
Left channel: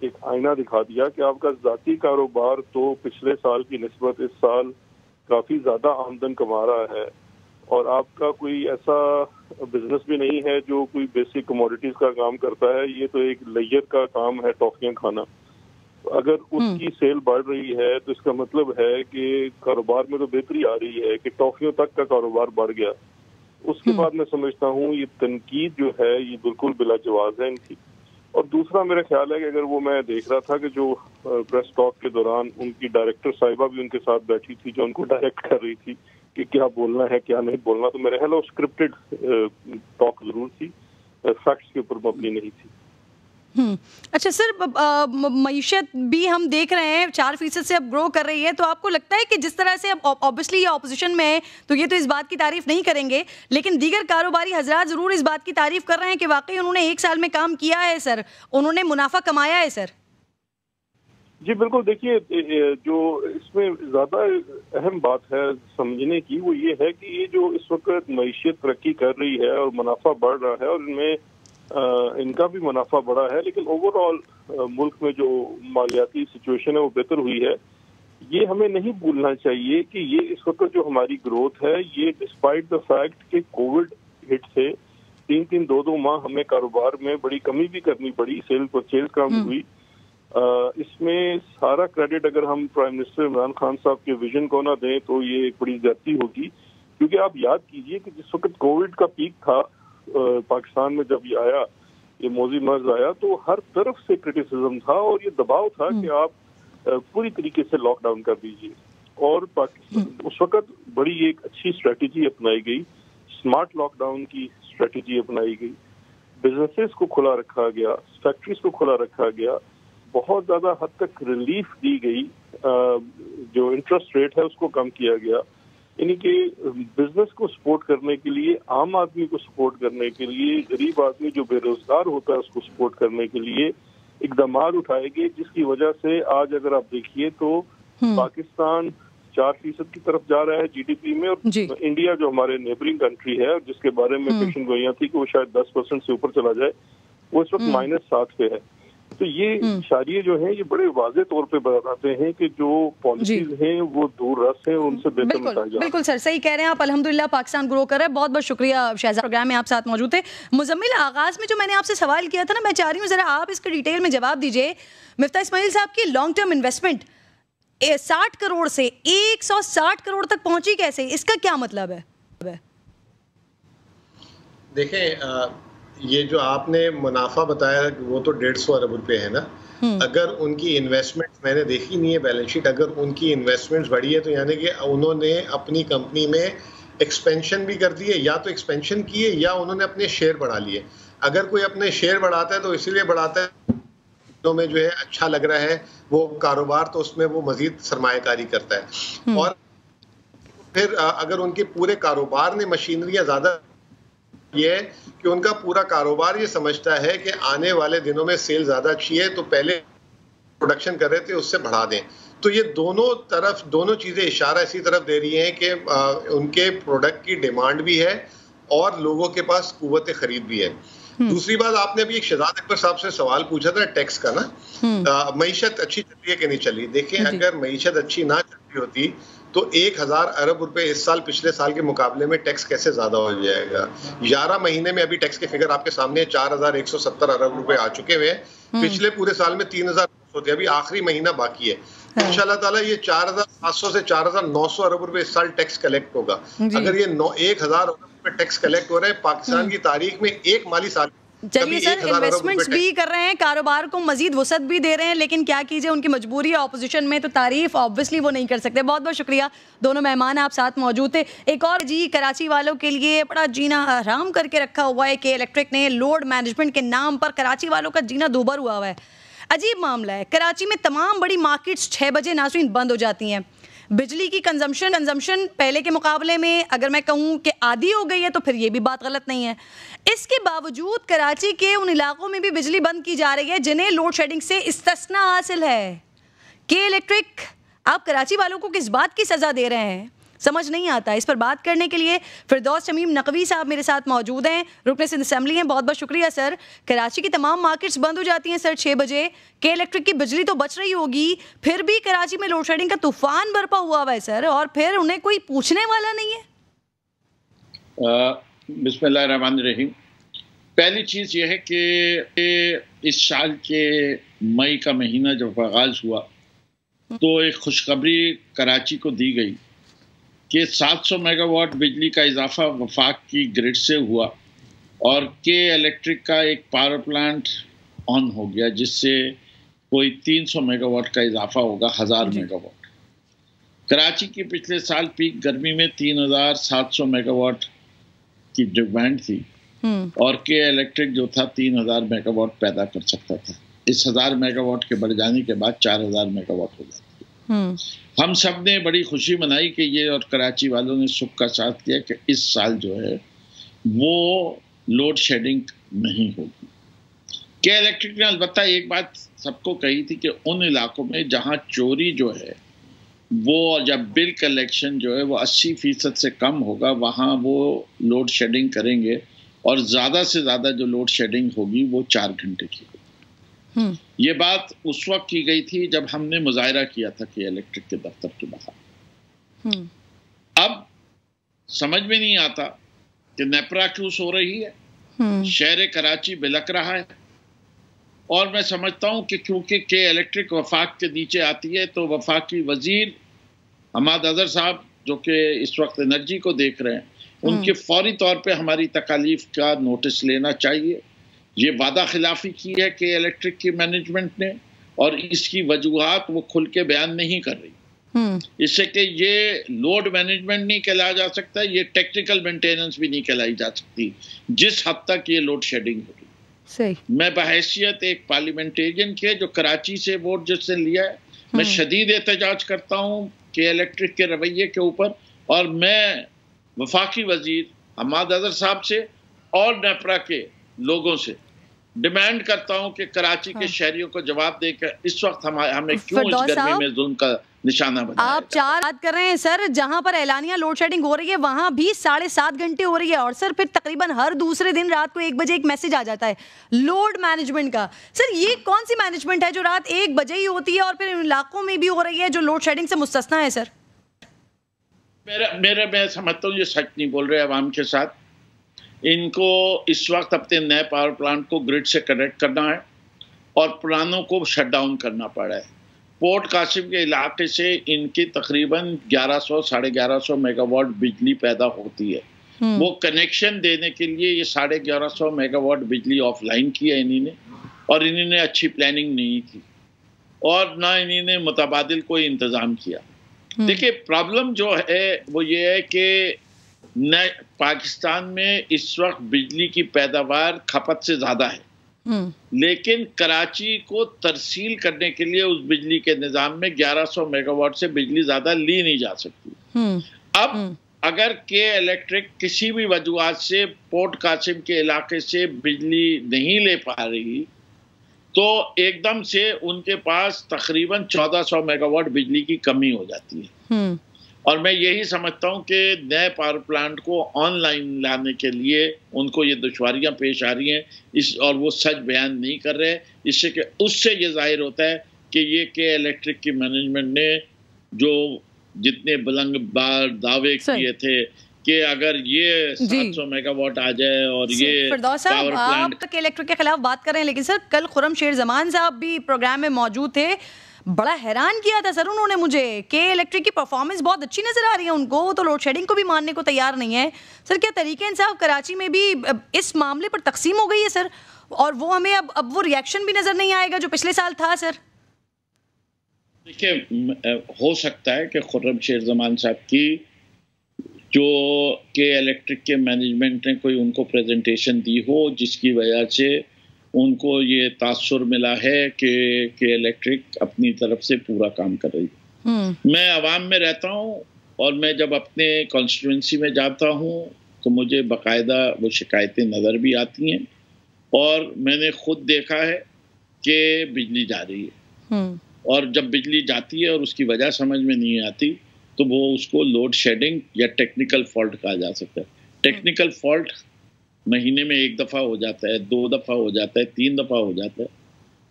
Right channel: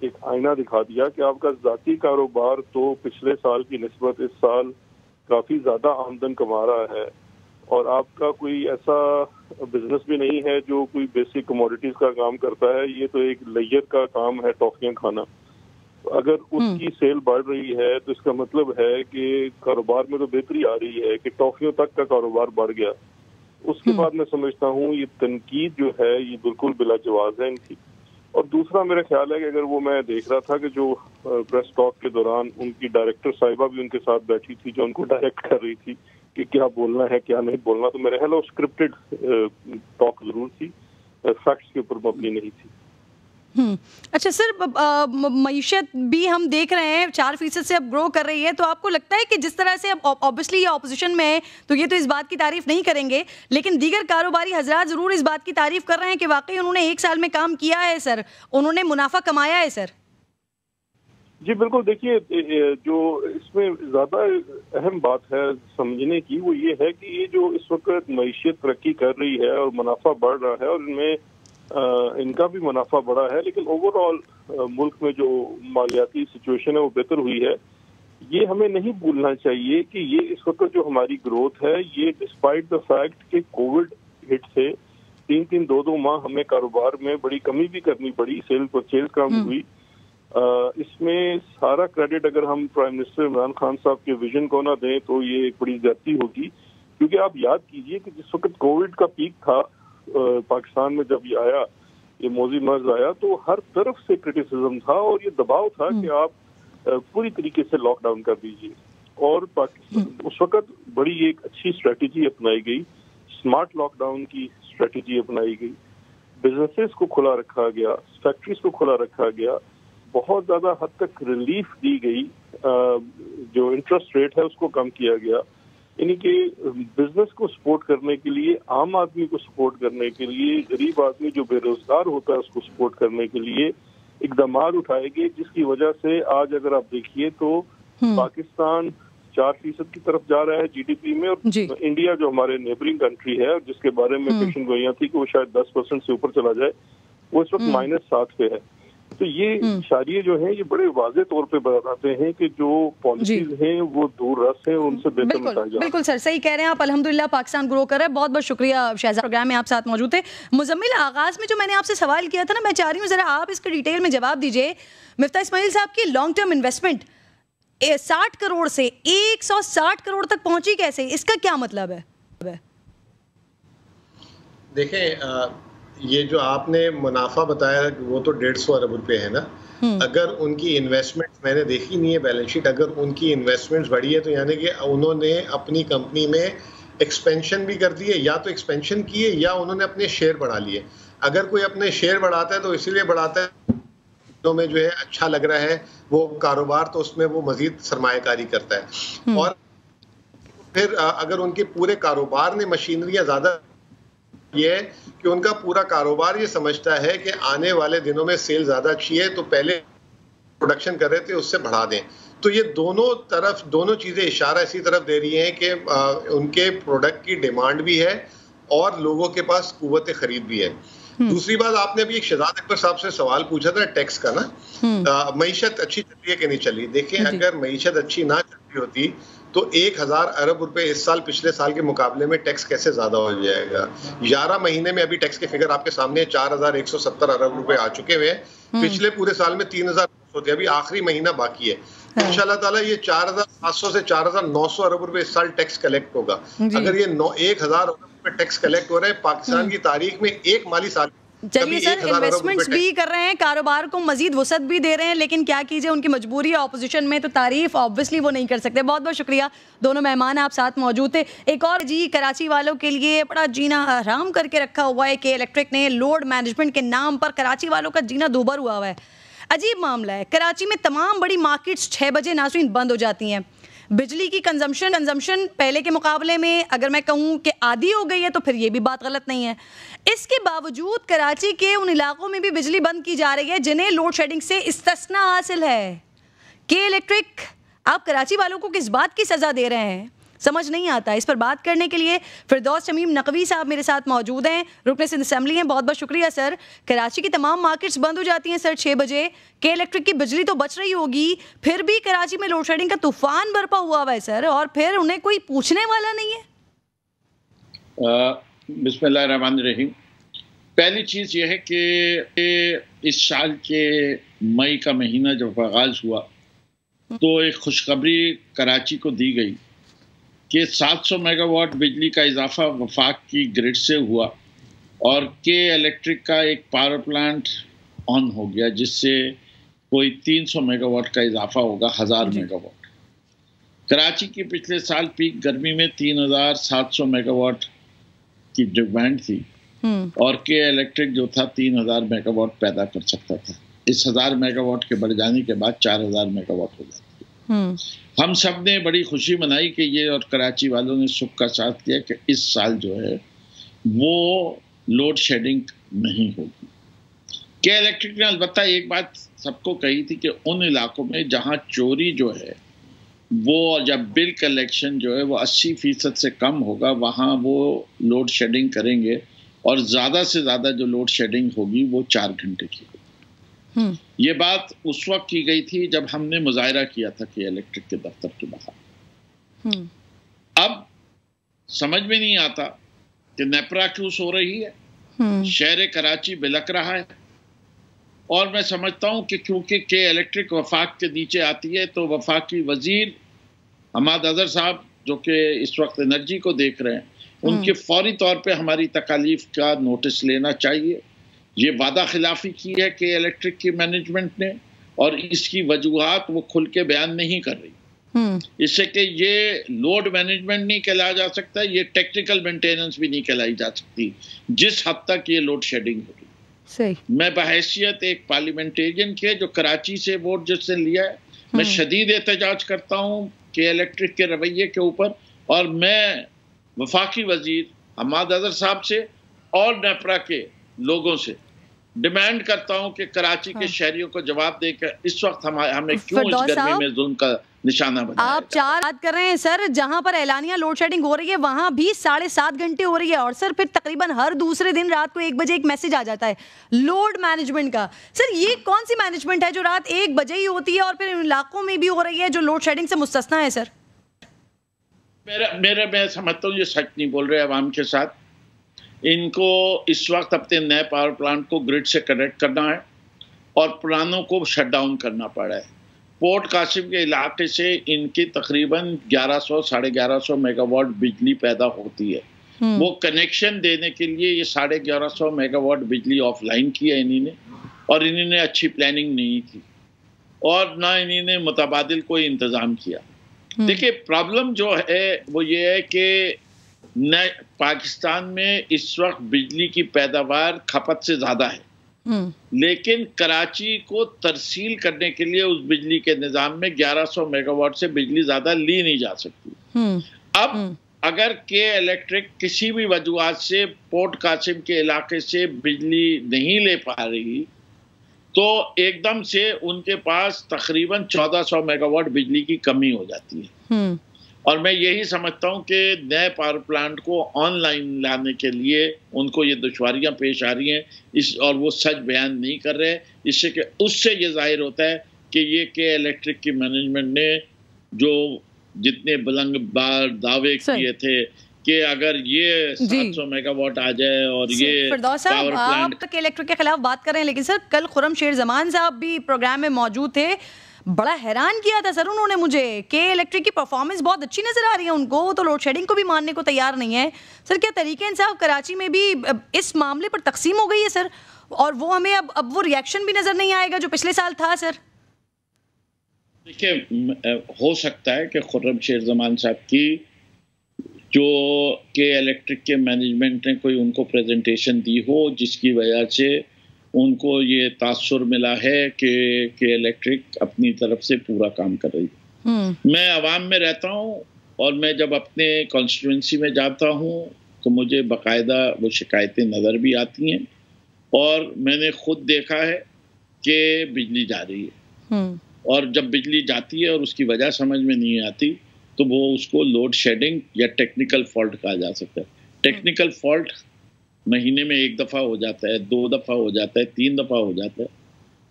ایک آئینہ دکھا دیا کہ آپ کا ذاتی کاروبار تو پچھلے سال کی نسبت اس سال کافی زیادہ آمدن کما رہا ہے، اور آپ کا کوئی ایسا بزنس بھی نہیں ہے جو کوئی بیسک کموڈیٹیز کا کام کرتا ہے، یہ تو ایک لیئر کا کام ہے ٹافیاں کھانا۔ اگر اس کی سیل بڑھ رہی ہے تو اس کا مطلب ہے کہ کاروبار میں تو بہتری آ رہی ہے کہ ٹافیوں تک کا کاروبار بڑھ گیا۔ اس کے بعد میں سمجھتا ہوں یہ تنقید جو ہے یہ بالکل بلا جواز ہے ان کی۔ اور دوسرا میرا خیال ہے کہ اگر وہ میں دیکھ رہا تھا کہ جو پریس ٹاک کے دوران ان کی ڈائریکٹر صاحبہ بھی ان کے ساتھ بیٹھی تھی جو ان کو ڈائریکٹ کر رہی تھی کہ کیا بولنا ہے کیا نہیں بولنا، تو میرے خیال ہے اسکرپٹڈ ٹاک ضرور تھی، فیکٹس کے اوپر مبنی نہیں تھی۔ اچھا سر، معیشت بھی ہم دیکھ رہے ہیں 4% سے اب گرو کر رہی ہے، تو آپ کو لگتا ہے کہ جس طرح سے اب آبویسلی یہ اپوزیشن میں ہے تو یہ تو اس بات کی تعریف نہیں کریں گے، لیکن دیگر کاروباری حضرات ضرور اس بات کی تعریف کر رہے ہیں کہ واقعی انہوں نے 1 سال میں کام کیا ہے سر، انہوں نے منافع کمایا ہے سر؟ جی بالکل، دیکھیے جو اس میں زیادہ اہم بات ہے سمجھنے کی وہ یہ ہے کہ یہ جو اس وقت معیشت ترقی کر رہی ہے اور منافع بڑھ رہا ہے اور ان میں ان کا بھی منافع بڑا ہے، لیکن اوور آل ملک میں جو مالیاتی سچویشن ہے وہ بہتر ہوئی ہے۔ یہ ہمیں نہیں بھولنا چاہیے کہ یہ اس وقت جو ہماری گروتھ ہے یہ ڈسپائٹ دا فیکٹ کہ کووڈ ہٹ سے 3-2 ماہ ہمیں کاروبار میں بڑی کمی بھی کرنی پڑی، سیل پرچیز کم ہوئی۔ اس میں سارا کریڈٹ اگر ہم پرائم منسٹر عمران خان صاحب کے ویژن کو نہ دیں تو یہ ایک بڑی زیادتی ہوگی، کیونکہ آپ یاد کیجئے کہ جس وقت کووڈ کا پیک تھا پاکستان میں، جب یہ آیا، یہ موذی مرض آیا، تو ہر طرف سے کرٹیسزم تھا اور یہ دباؤ تھا کہ آپ پوری طریقے سے لاک ڈاؤن کر دیجیے، اور اس وقت بڑی ایک اچھی اسٹریٹجی اپنائی گئی، اسمارٹ لاک ڈاؤن کی اسٹریٹجی اپنائی گئی، بزنسز کو کھلا رکھا گیا، فیکٹریز کو کھلا رکھا گیا، بہت زیادہ حد تک ریلیف دی گئی، جو انٹرسٹ ریٹ ہے اس کو کم کیا گیا، یعنی کہ بزنس کو سپورٹ کرنے کے لیے، عام آدمی کو سپورٹ کرنے کے لیے، غریب آدمی جو بے روزگار ہوتا ہے اس کو سپورٹ کرنے کے لیے اقدامات اٹھائے گئے، جس کی وجہ سے آج اگر آپ دیکھیے تو پاکستان 4% کی طرف جا رہا ہے جی ڈی پی میں، اور انڈیا جو ہمارے نیبرنگ کنٹری ہے جس کے بارے میں پیشن گوئیاں تھی کہ وہ شاید 10% سے اوپر چلا جائے، وہ اس وقت -7 پہ ہے۔ تو یہ اشاریے جو ہیں یہ بڑے واضح طور پہ بتاتے ہیں کہ جو پالیسیز ہیں وہ دور رس ہیں، ان سے بہتر نتائج۔ بالکل سر، صحیح کہہ رہے ہیں آپ، الحمدللہ پاکستان گرو کر رہا ہے۔ بہت بہت شکریہ شہزاد، پروگرام میں آپ ساتھ موجود تھے۔ مزمل، آغاز میں جو میں نے آپ سے سوال کیا تھا نا، میں چاہ رہی ہوں ذرا آپ اس کے ڈیٹیل میں جواب دیجئے۔ مفتاح اسماعیل صاحب کی لانگ ٹرم انویسٹمنٹ 60 کروڑ سے 160 کروڑ تک پہنچی کیسے، اس کا کیا مطلب ہے؟ دیکھیں، یہ جو آپ نے منافع بتایا وہ تو 150 ارب روپے ہے نا، اگر ان کی انویسٹمنٹ میں نے دیکھی نہیں ہے بیلنس شیٹ، اگر ان کی انویسٹمنٹ بڑھی ہے تو یعنی کہ انہوں نے اپنی کمپنی میں ایکسپینشن بھی کر دی ہے، یا تو ایکسپینشن کی ہے یا انہوں نے اپنے شیئر بڑھا لیے۔ اگر کوئی اپنے شیئر بڑھاتا ہے تو اسی لیے بڑھاتا ہے میں جو ہے اچھا لگ رہا ہے وہ کاروبار، تو اس میں وہ مزید سرمایہ کاری کرتا ہے، اور پھر اگر ان کے پورے کاروبار نے مشینریاں زیادہ یہ ہے کہ ان کا پورا کاروبار یہ سمجھتا ہے کہ آنے والے دنوں میں سیل زیادہ اچھی ہے تو پہلے پروڈکشن کر رہے تھے اس سے بڑھا دیں. تو یہ دونوں چیزیں اشارہ اسی طرف دے رہی ہیں کہ ان کے پروڈکٹ کی ڈیمانڈ بھی ہے اور لوگوں کے پاس قوت خرید بھی ہے. دوسری بات, آپ نے ابھی ایک شہزاد اکبر صاحب سے سوال پوچھا تھا ٹیکس کا نا, معیشت اچھی چل رہی ہے کہ نہیں چلی. دیکھیں اگر معیشت اچھی نہ چل رہی ہوتی تو 1000 ارب روپے اس سال پچھلے سال کے مقابلے میں ٹیکس کیسے زیادہ ہو جائے گا. 11 مہینے میں ابھی ٹیکس کے فگر آپ کے سامنے 4170 ارب روپے آ چکے ہوئے ہیں. پچھلے پورے سال میں 3000 ہوتے, ابھی آخری مہینہ باقی ہے. ان شاء اللہ تعالیٰ یہ 4700 سے 4900 ارب روپے اس سال ٹیکس کلیکٹ ہوگا. اگر یہ 1000 ارب روپے ٹیکس کلیکٹ ہو رہے ہیں پاکستان کی تاریخ میں ایک مالی سال. چلیے سر, انویسٹمنٹس بھی کر رہے ہیں, کاروبار کو مزید وسعت بھی دے رہے ہیں, لیکن کیا کیجئے ان کی مجبوری ہے اپوزیشن میں, تو تعریف آبویسلی وہ نہیں کر سکتے. بہت بہت شکریہ, دونوں مہمان آپ ساتھ موجود تھے. ایک اور کراچی والوں کے لیے بڑا جینا حرام کر کے رکھا ہوا ہے کہ الیکٹرک نے لوڈ مینجمنٹ کے نام پر کراچی والوں کا جینا دوبر ہوا ہے. عجیب معاملہ ہے. کراچی میں تمام بڑی مارکیٹس 6 بجے ناظرین بند ہو جاتی ہیں. بجلی کی کنزمپشن پہلے کے مقابلے میں اگر میں کہوں کہ آدھی ہو گئی ہے تو پھر یہ بھی بات غلط نہیں ہے. اس کے باوجود کراچی کے ان علاقوں میں بھی بجلی بند کی جا رہی ہے جنہیں لوڈ شیڈنگ سے استثناء حاصل ہے. کہ الیکٹرک آپ کراچی والوں کو کس بات کی سزا دے رہے ہیں, سمجھ نہیں آتا. اس پر بات کرنے کے لیے فردوس شمیم نقوی صاحب میرے ساتھ موجود ہیں, رکن سندھ اسمبلی ہیں. بہت بہت شکریہ سر. کراچی کی تمام مارکیٹس بند ہو جاتی ہیں سر 6 بجے, کہ الیکٹرک کی بجلی تو بچ رہی ہوگی, پھر بھی کراچی میں لوڈ شیڈنگ کا طوفان برپا ہوا ہے سر, اور پھر انہیں کوئی پوچھنے والا نہیں ہے. بسم اللہ الرحمن الرحیم. پہلی چیز یہ ہے کہ اس سال کے مئی کا مہینہ جب آغاز ہوا تو ایک خوشخبری کراچی کو دی گئی کہ 700 میگا واٹ بجلی کا اضافہ وفاق کی گرڈ سے ہوا, اور کے الیکٹرک کا ایک پاور پلانٹ آن ہو گیا جس سے کوئی 300 میگا واٹ کا اضافہ ہوگا, 1000 میگا واٹ. کراچی کی پچھلے سال پیک گرمی میں 3700 میگا واٹ کی ڈیمانڈ تھی, اور کے الیکٹرک جو تھا 3000 میگا واٹ پیدا کر سکتا تھا. اس 1000 میگا واٹ کے بڑھ جانے کے بعد 4000 میگا واٹ ہو جاتی ہے. ہم سب نے بڑی خوشی منائی کہ یہ, اور کراچی والوں نے سکھ کا ساتھ کیا کہ اس سال جو ہے وہ لوڈ شیڈنگ نہیں ہوگی. کہ الیکٹرک نے البتہ ایک بات سب کو کہی تھی کہ ان علاقوں میں جہاں چوری جو ہے وہ, جب بل کلیکشن جو ہے وہ 80% سے کم ہوگا, وہاں وہ لوڈ شیڈنگ کریں گے, اور زیادہ سے زیادہ جو لوڈ شیڈنگ ہوگی وہ 4 گھنٹے کی ہوگی. یہ بات اس وقت کی گئی تھی جب ہم نے مظاہرہ کیا تھا کہ الیکٹرک کے دفتر کے باہر. اب سمجھ میں نہیں آتا کہ نیپرا کیوں سو رہی ہے, شہر کراچی بلک رہا ہے, اور میں سمجھتا ہوں کہ کیونکہ کہ الیکٹرک وفاق کے نیچے آتی ہے تو وفاقی وزیر حماد اظہر صاحب جو کہ اس وقت انرجی کو دیکھ رہے ہیں, ان کے فوری طور پہ ہماری تکالیف کا نوٹس لینا چاہیے. یہ وعدہ خلافی کی ہے کہ الیکٹرک کی مینجمنٹ نے, اور اس کی وجوہات وہ کھل کے بیان نہیں کر رہی. اس سے کہ یہ لوڈ مینجمنٹ نہیں کہلایا جا سکتا, یہ ٹیکنیکل مینٹیننس بھی نہیں کہلائی جا سکتی جس حد تک یہ لوڈ شیڈنگ ہوگی. میں بحیثیت ایک پارلیمنٹیرین کے جو کراچی سے ووٹ جس نے لیا ہے, میں شدید احتجاج کرتا ہوں کہ الیکٹرک کے رویے کے اوپر, اور میں وفاقی وزیر حماد اظہر صاحب سے اور نیپرا کے لوگوں سے ڈیمانڈ کرتا ہوں کہ کراچی کے شہریوں کو جواب دے کر اس وقت ہمیں کیوں اس گرمی میں ظلم کا نشانہ بنایا. آپ 4 بات کر رہے ہیں سر, جہاں پر اعلانیہ لوڈ شیڈنگ ہو رہی ہے وہاں بھی 7.5 گھنٹے ہو رہی ہے, اور سر پھر تقریباً ہر دوسرے دن رات کو 1 بجے ایک میسج آ جاتا ہے لوڈ مینجمنٹ کا. سر یہ کون سی مینجمنٹ ہے جو رات 1 بجے ہی ہوتی ہے اور پھر ان علاقوں میں بھی ہو رہی ہے جو لوڈ شیڈنگ سے مستثنا ہے؟ سر میں سمجھتا ہوں یہ سچ نہیں بول رہے عوام کے ساتھ. ان کو اس وقت اپنے نئے پاور پلانٹ کو گرڈ سے کنیکٹ کرنا ہے اور پرانوں کو شٹ ڈاؤن کرنا پڑا ہے. پورٹ قاسم کے علاقے سے ان کی تقریباً 1100-1150 میگا واٹ بجلی پیدا ہوتی ہے. وہ کنیکشن دینے کے لیے یہ 1150 میگا واٹ بجلی آف لائن کی ہے انہی نے, اور انہی نے اچھی پلاننگ نہیں کی, اور نہ انہی نے متبادل کوئی انتظام کیا. دیکھیں پرابلم جو ہے وہ یہ ہے کہ پاکستان میں اس وقت بجلی کی پیداوار کھپت سے زیادہ ہے, لیکن کراچی کو ترسیل کرنے کے لیے اس بجلی کے نظام میں 1100 میگا واٹ سے بجلی زیادہ لی نہیں جا سکتی. اب اگر کے الیکٹرک کسی بھی وجوہات سے پورٹ قاسم کے علاقے سے بجلی نہیں لے پا رہی تو ایک دم سے ان کے پاس تقریباً 1400 میگا واٹ بجلی کی کمی ہو جاتی ہے. اور میں یہی سمجھتا ہوں کہ نئے پاور پلانٹ کو آن لائن لانے کے لیے ان کو یہ دشواریاں پیش آ رہی ہیں اور وہ سچ بیان نہیں کر رہے. اس سے یہ ظاہر ہوتا ہے کہ یہ کہ الیکٹرک کی مینجمنٹ نے جو جتنے بلند بار دعوے کیے تھے کہ اگر یہ 700 میگا واٹ آ جائے اور یہ فردوس صاحب آپ کے الیکٹرک کے خلاف بات کر رہے ہیں، لیکن سر کل خرم شیر زمان صاحب بھی پروگرام میں موجود تھے. بڑا حیران کیا تھا سر انہوں نے مجھے کہ الیکٹرک کی پرفارمنس بہت اچھی نظر آ رہی ہے ان کو، وہ تو لوڈ شیڈنگ کو بھی ماننے کو تیار نہیں ہے. سر کیا طریقہ انصاف کراچی میں بھی اس معاملے پر تقسیم ہو گئی ہے سر، اور وہ ہمیں اب وہ ریئیکشن بھی نظر نہیں آئے گا جو پچھلے سال تھا سر؟ دیکھیں، ہو سکتا ہے کہ خرم شیر زمان صاحب کی جو کہ الیکٹرک کے مینجمنٹ نے کوئی ان کو پریزنٹیشن دی ہو جس کی وجہ سے ان کو یہ تاثر ملا ہے کہ الیکٹرک اپنی طرف سے پورا کام کر رہی ہے. میں عوام میں رہتا ہوں اور میں جب اپنے کانسٹیٹوئنسی میں جاتا ہوں تو مجھے باقاعدہ وہ شکایتیں نظر بھی آتی ہیں اور میں نے خود دیکھا ہے کہ بجلی جا رہی ہے اور جب بجلی جاتی ہے اور اس کی وجہ سمجھ میں نہیں آتی تو وہ اس کو لوڈ شیڈنگ یا ٹیکنیکل فالٹ کہا جا سکتا ہے. ٹیکنیکل فالٹ مہینے میں 1 دفعہ ہو جاتا ہے، 2 دفعہ ہو جاتا ہے، 3 دفعہ ہو جاتا ہے،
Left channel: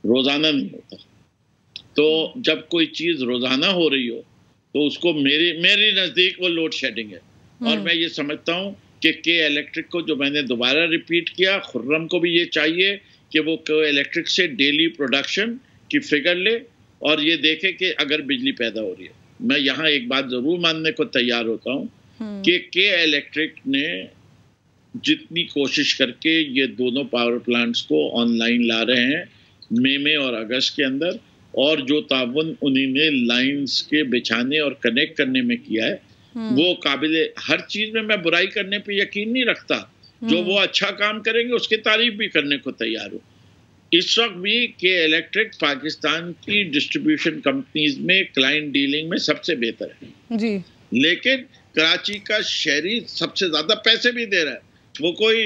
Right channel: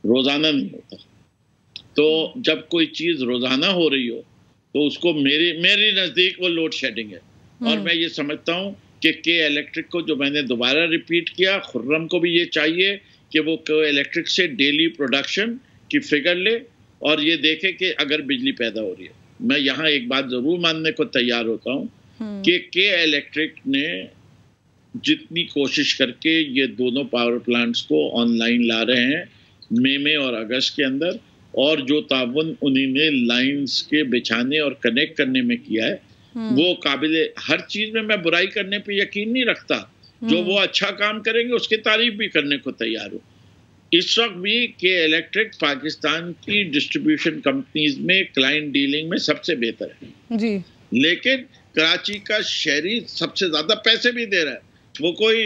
روزانہ نہیں ہوتا. تو جب کوئی چیز روزانہ ہو رہی ہو تو اس کو میری نزدیک وہ لوڈ شیڈنگ ہے. اور میں یہ سمجھتا ہوں کہ الیکٹرک کو جو میں نے دوبارہ ریپیٹ کیا، خرم کو بھی یہ چاہیے کہ وہ الیکٹرک سے ڈیلی پروڈکشن کی فگر لے اور یہ دیکھے کہ اگر بجلی پیدا ہو رہی ہے. میں یہاں ایک بات ضرور ماننے کو تیار ہوتا ہوں کہ الیکٹرک نے جتنی کوشش کر کے یہ دونوں پاور پلانٹس کو آن لائن لا رہے ہیں مئی میں اور اگست کے اندر، اور جو تعاون انہیں نے لائنز کے بچھانے اور کنیکٹ کرنے میں کیا ہے وہ قابل، ہر چیز میں میں برائی کرنے پہ یقین نہیں رکھتا. جو وہ اچھا کام کریں گے اس کی تعریف بھی کرنے کو تیار ہوں. اس وقت بھی کہ الیکٹرک پاکستان کی ڈسٹریبیوشن کمپنیز میں کلائنٹ ڈیلنگ میں سب سے بہتر ہے جی، لیکن کراچی کا شہری سب سے زیادہ پیسے بھی دے رہا ہے. وہ کوئی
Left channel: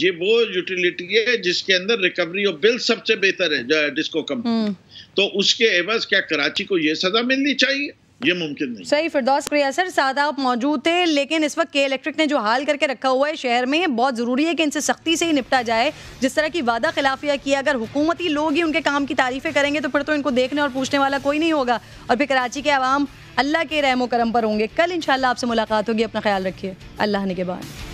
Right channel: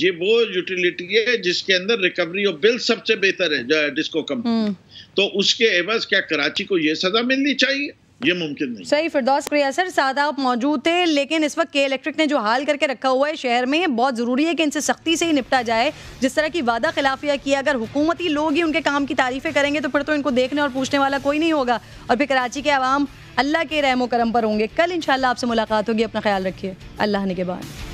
یہ وہ یوٹیلیٹی ہے جس کے اندر ریکوری آف بل سب سے بہتر ہے ڈسکو کمپنی، تو اس کے عوض کیا کراچی کو یہ سزا ملنی چاہیے؟ یہ ممکن نہیں. صحیح. فردوس شکریہ سر، سادہ آپ موجود تھے، لیکن اس وقت کے الیکٹرک نے جو حال کر کے رکھا ہوا ہے شہر میں، بہت ضروری ہے کہ ان سے سختی سے ہی نپٹا جائے. جس طرح کی وعدہ خلافیاں کیا، اگر حکومتی لوگ ہی ان کے کام کی تعریفیں کریں گے تو پھر تو ان کو دیکھنے اور پوچھنے والا کوئی نہیں ہوگا، اور پھر کراچی کے عوام اللہ کے رحم و کرم پر ہوں گے. کل انشاءاللہ آپ سے ملاقات ہوگی. اپنا خیال رکھیے. اللہ نگہبان.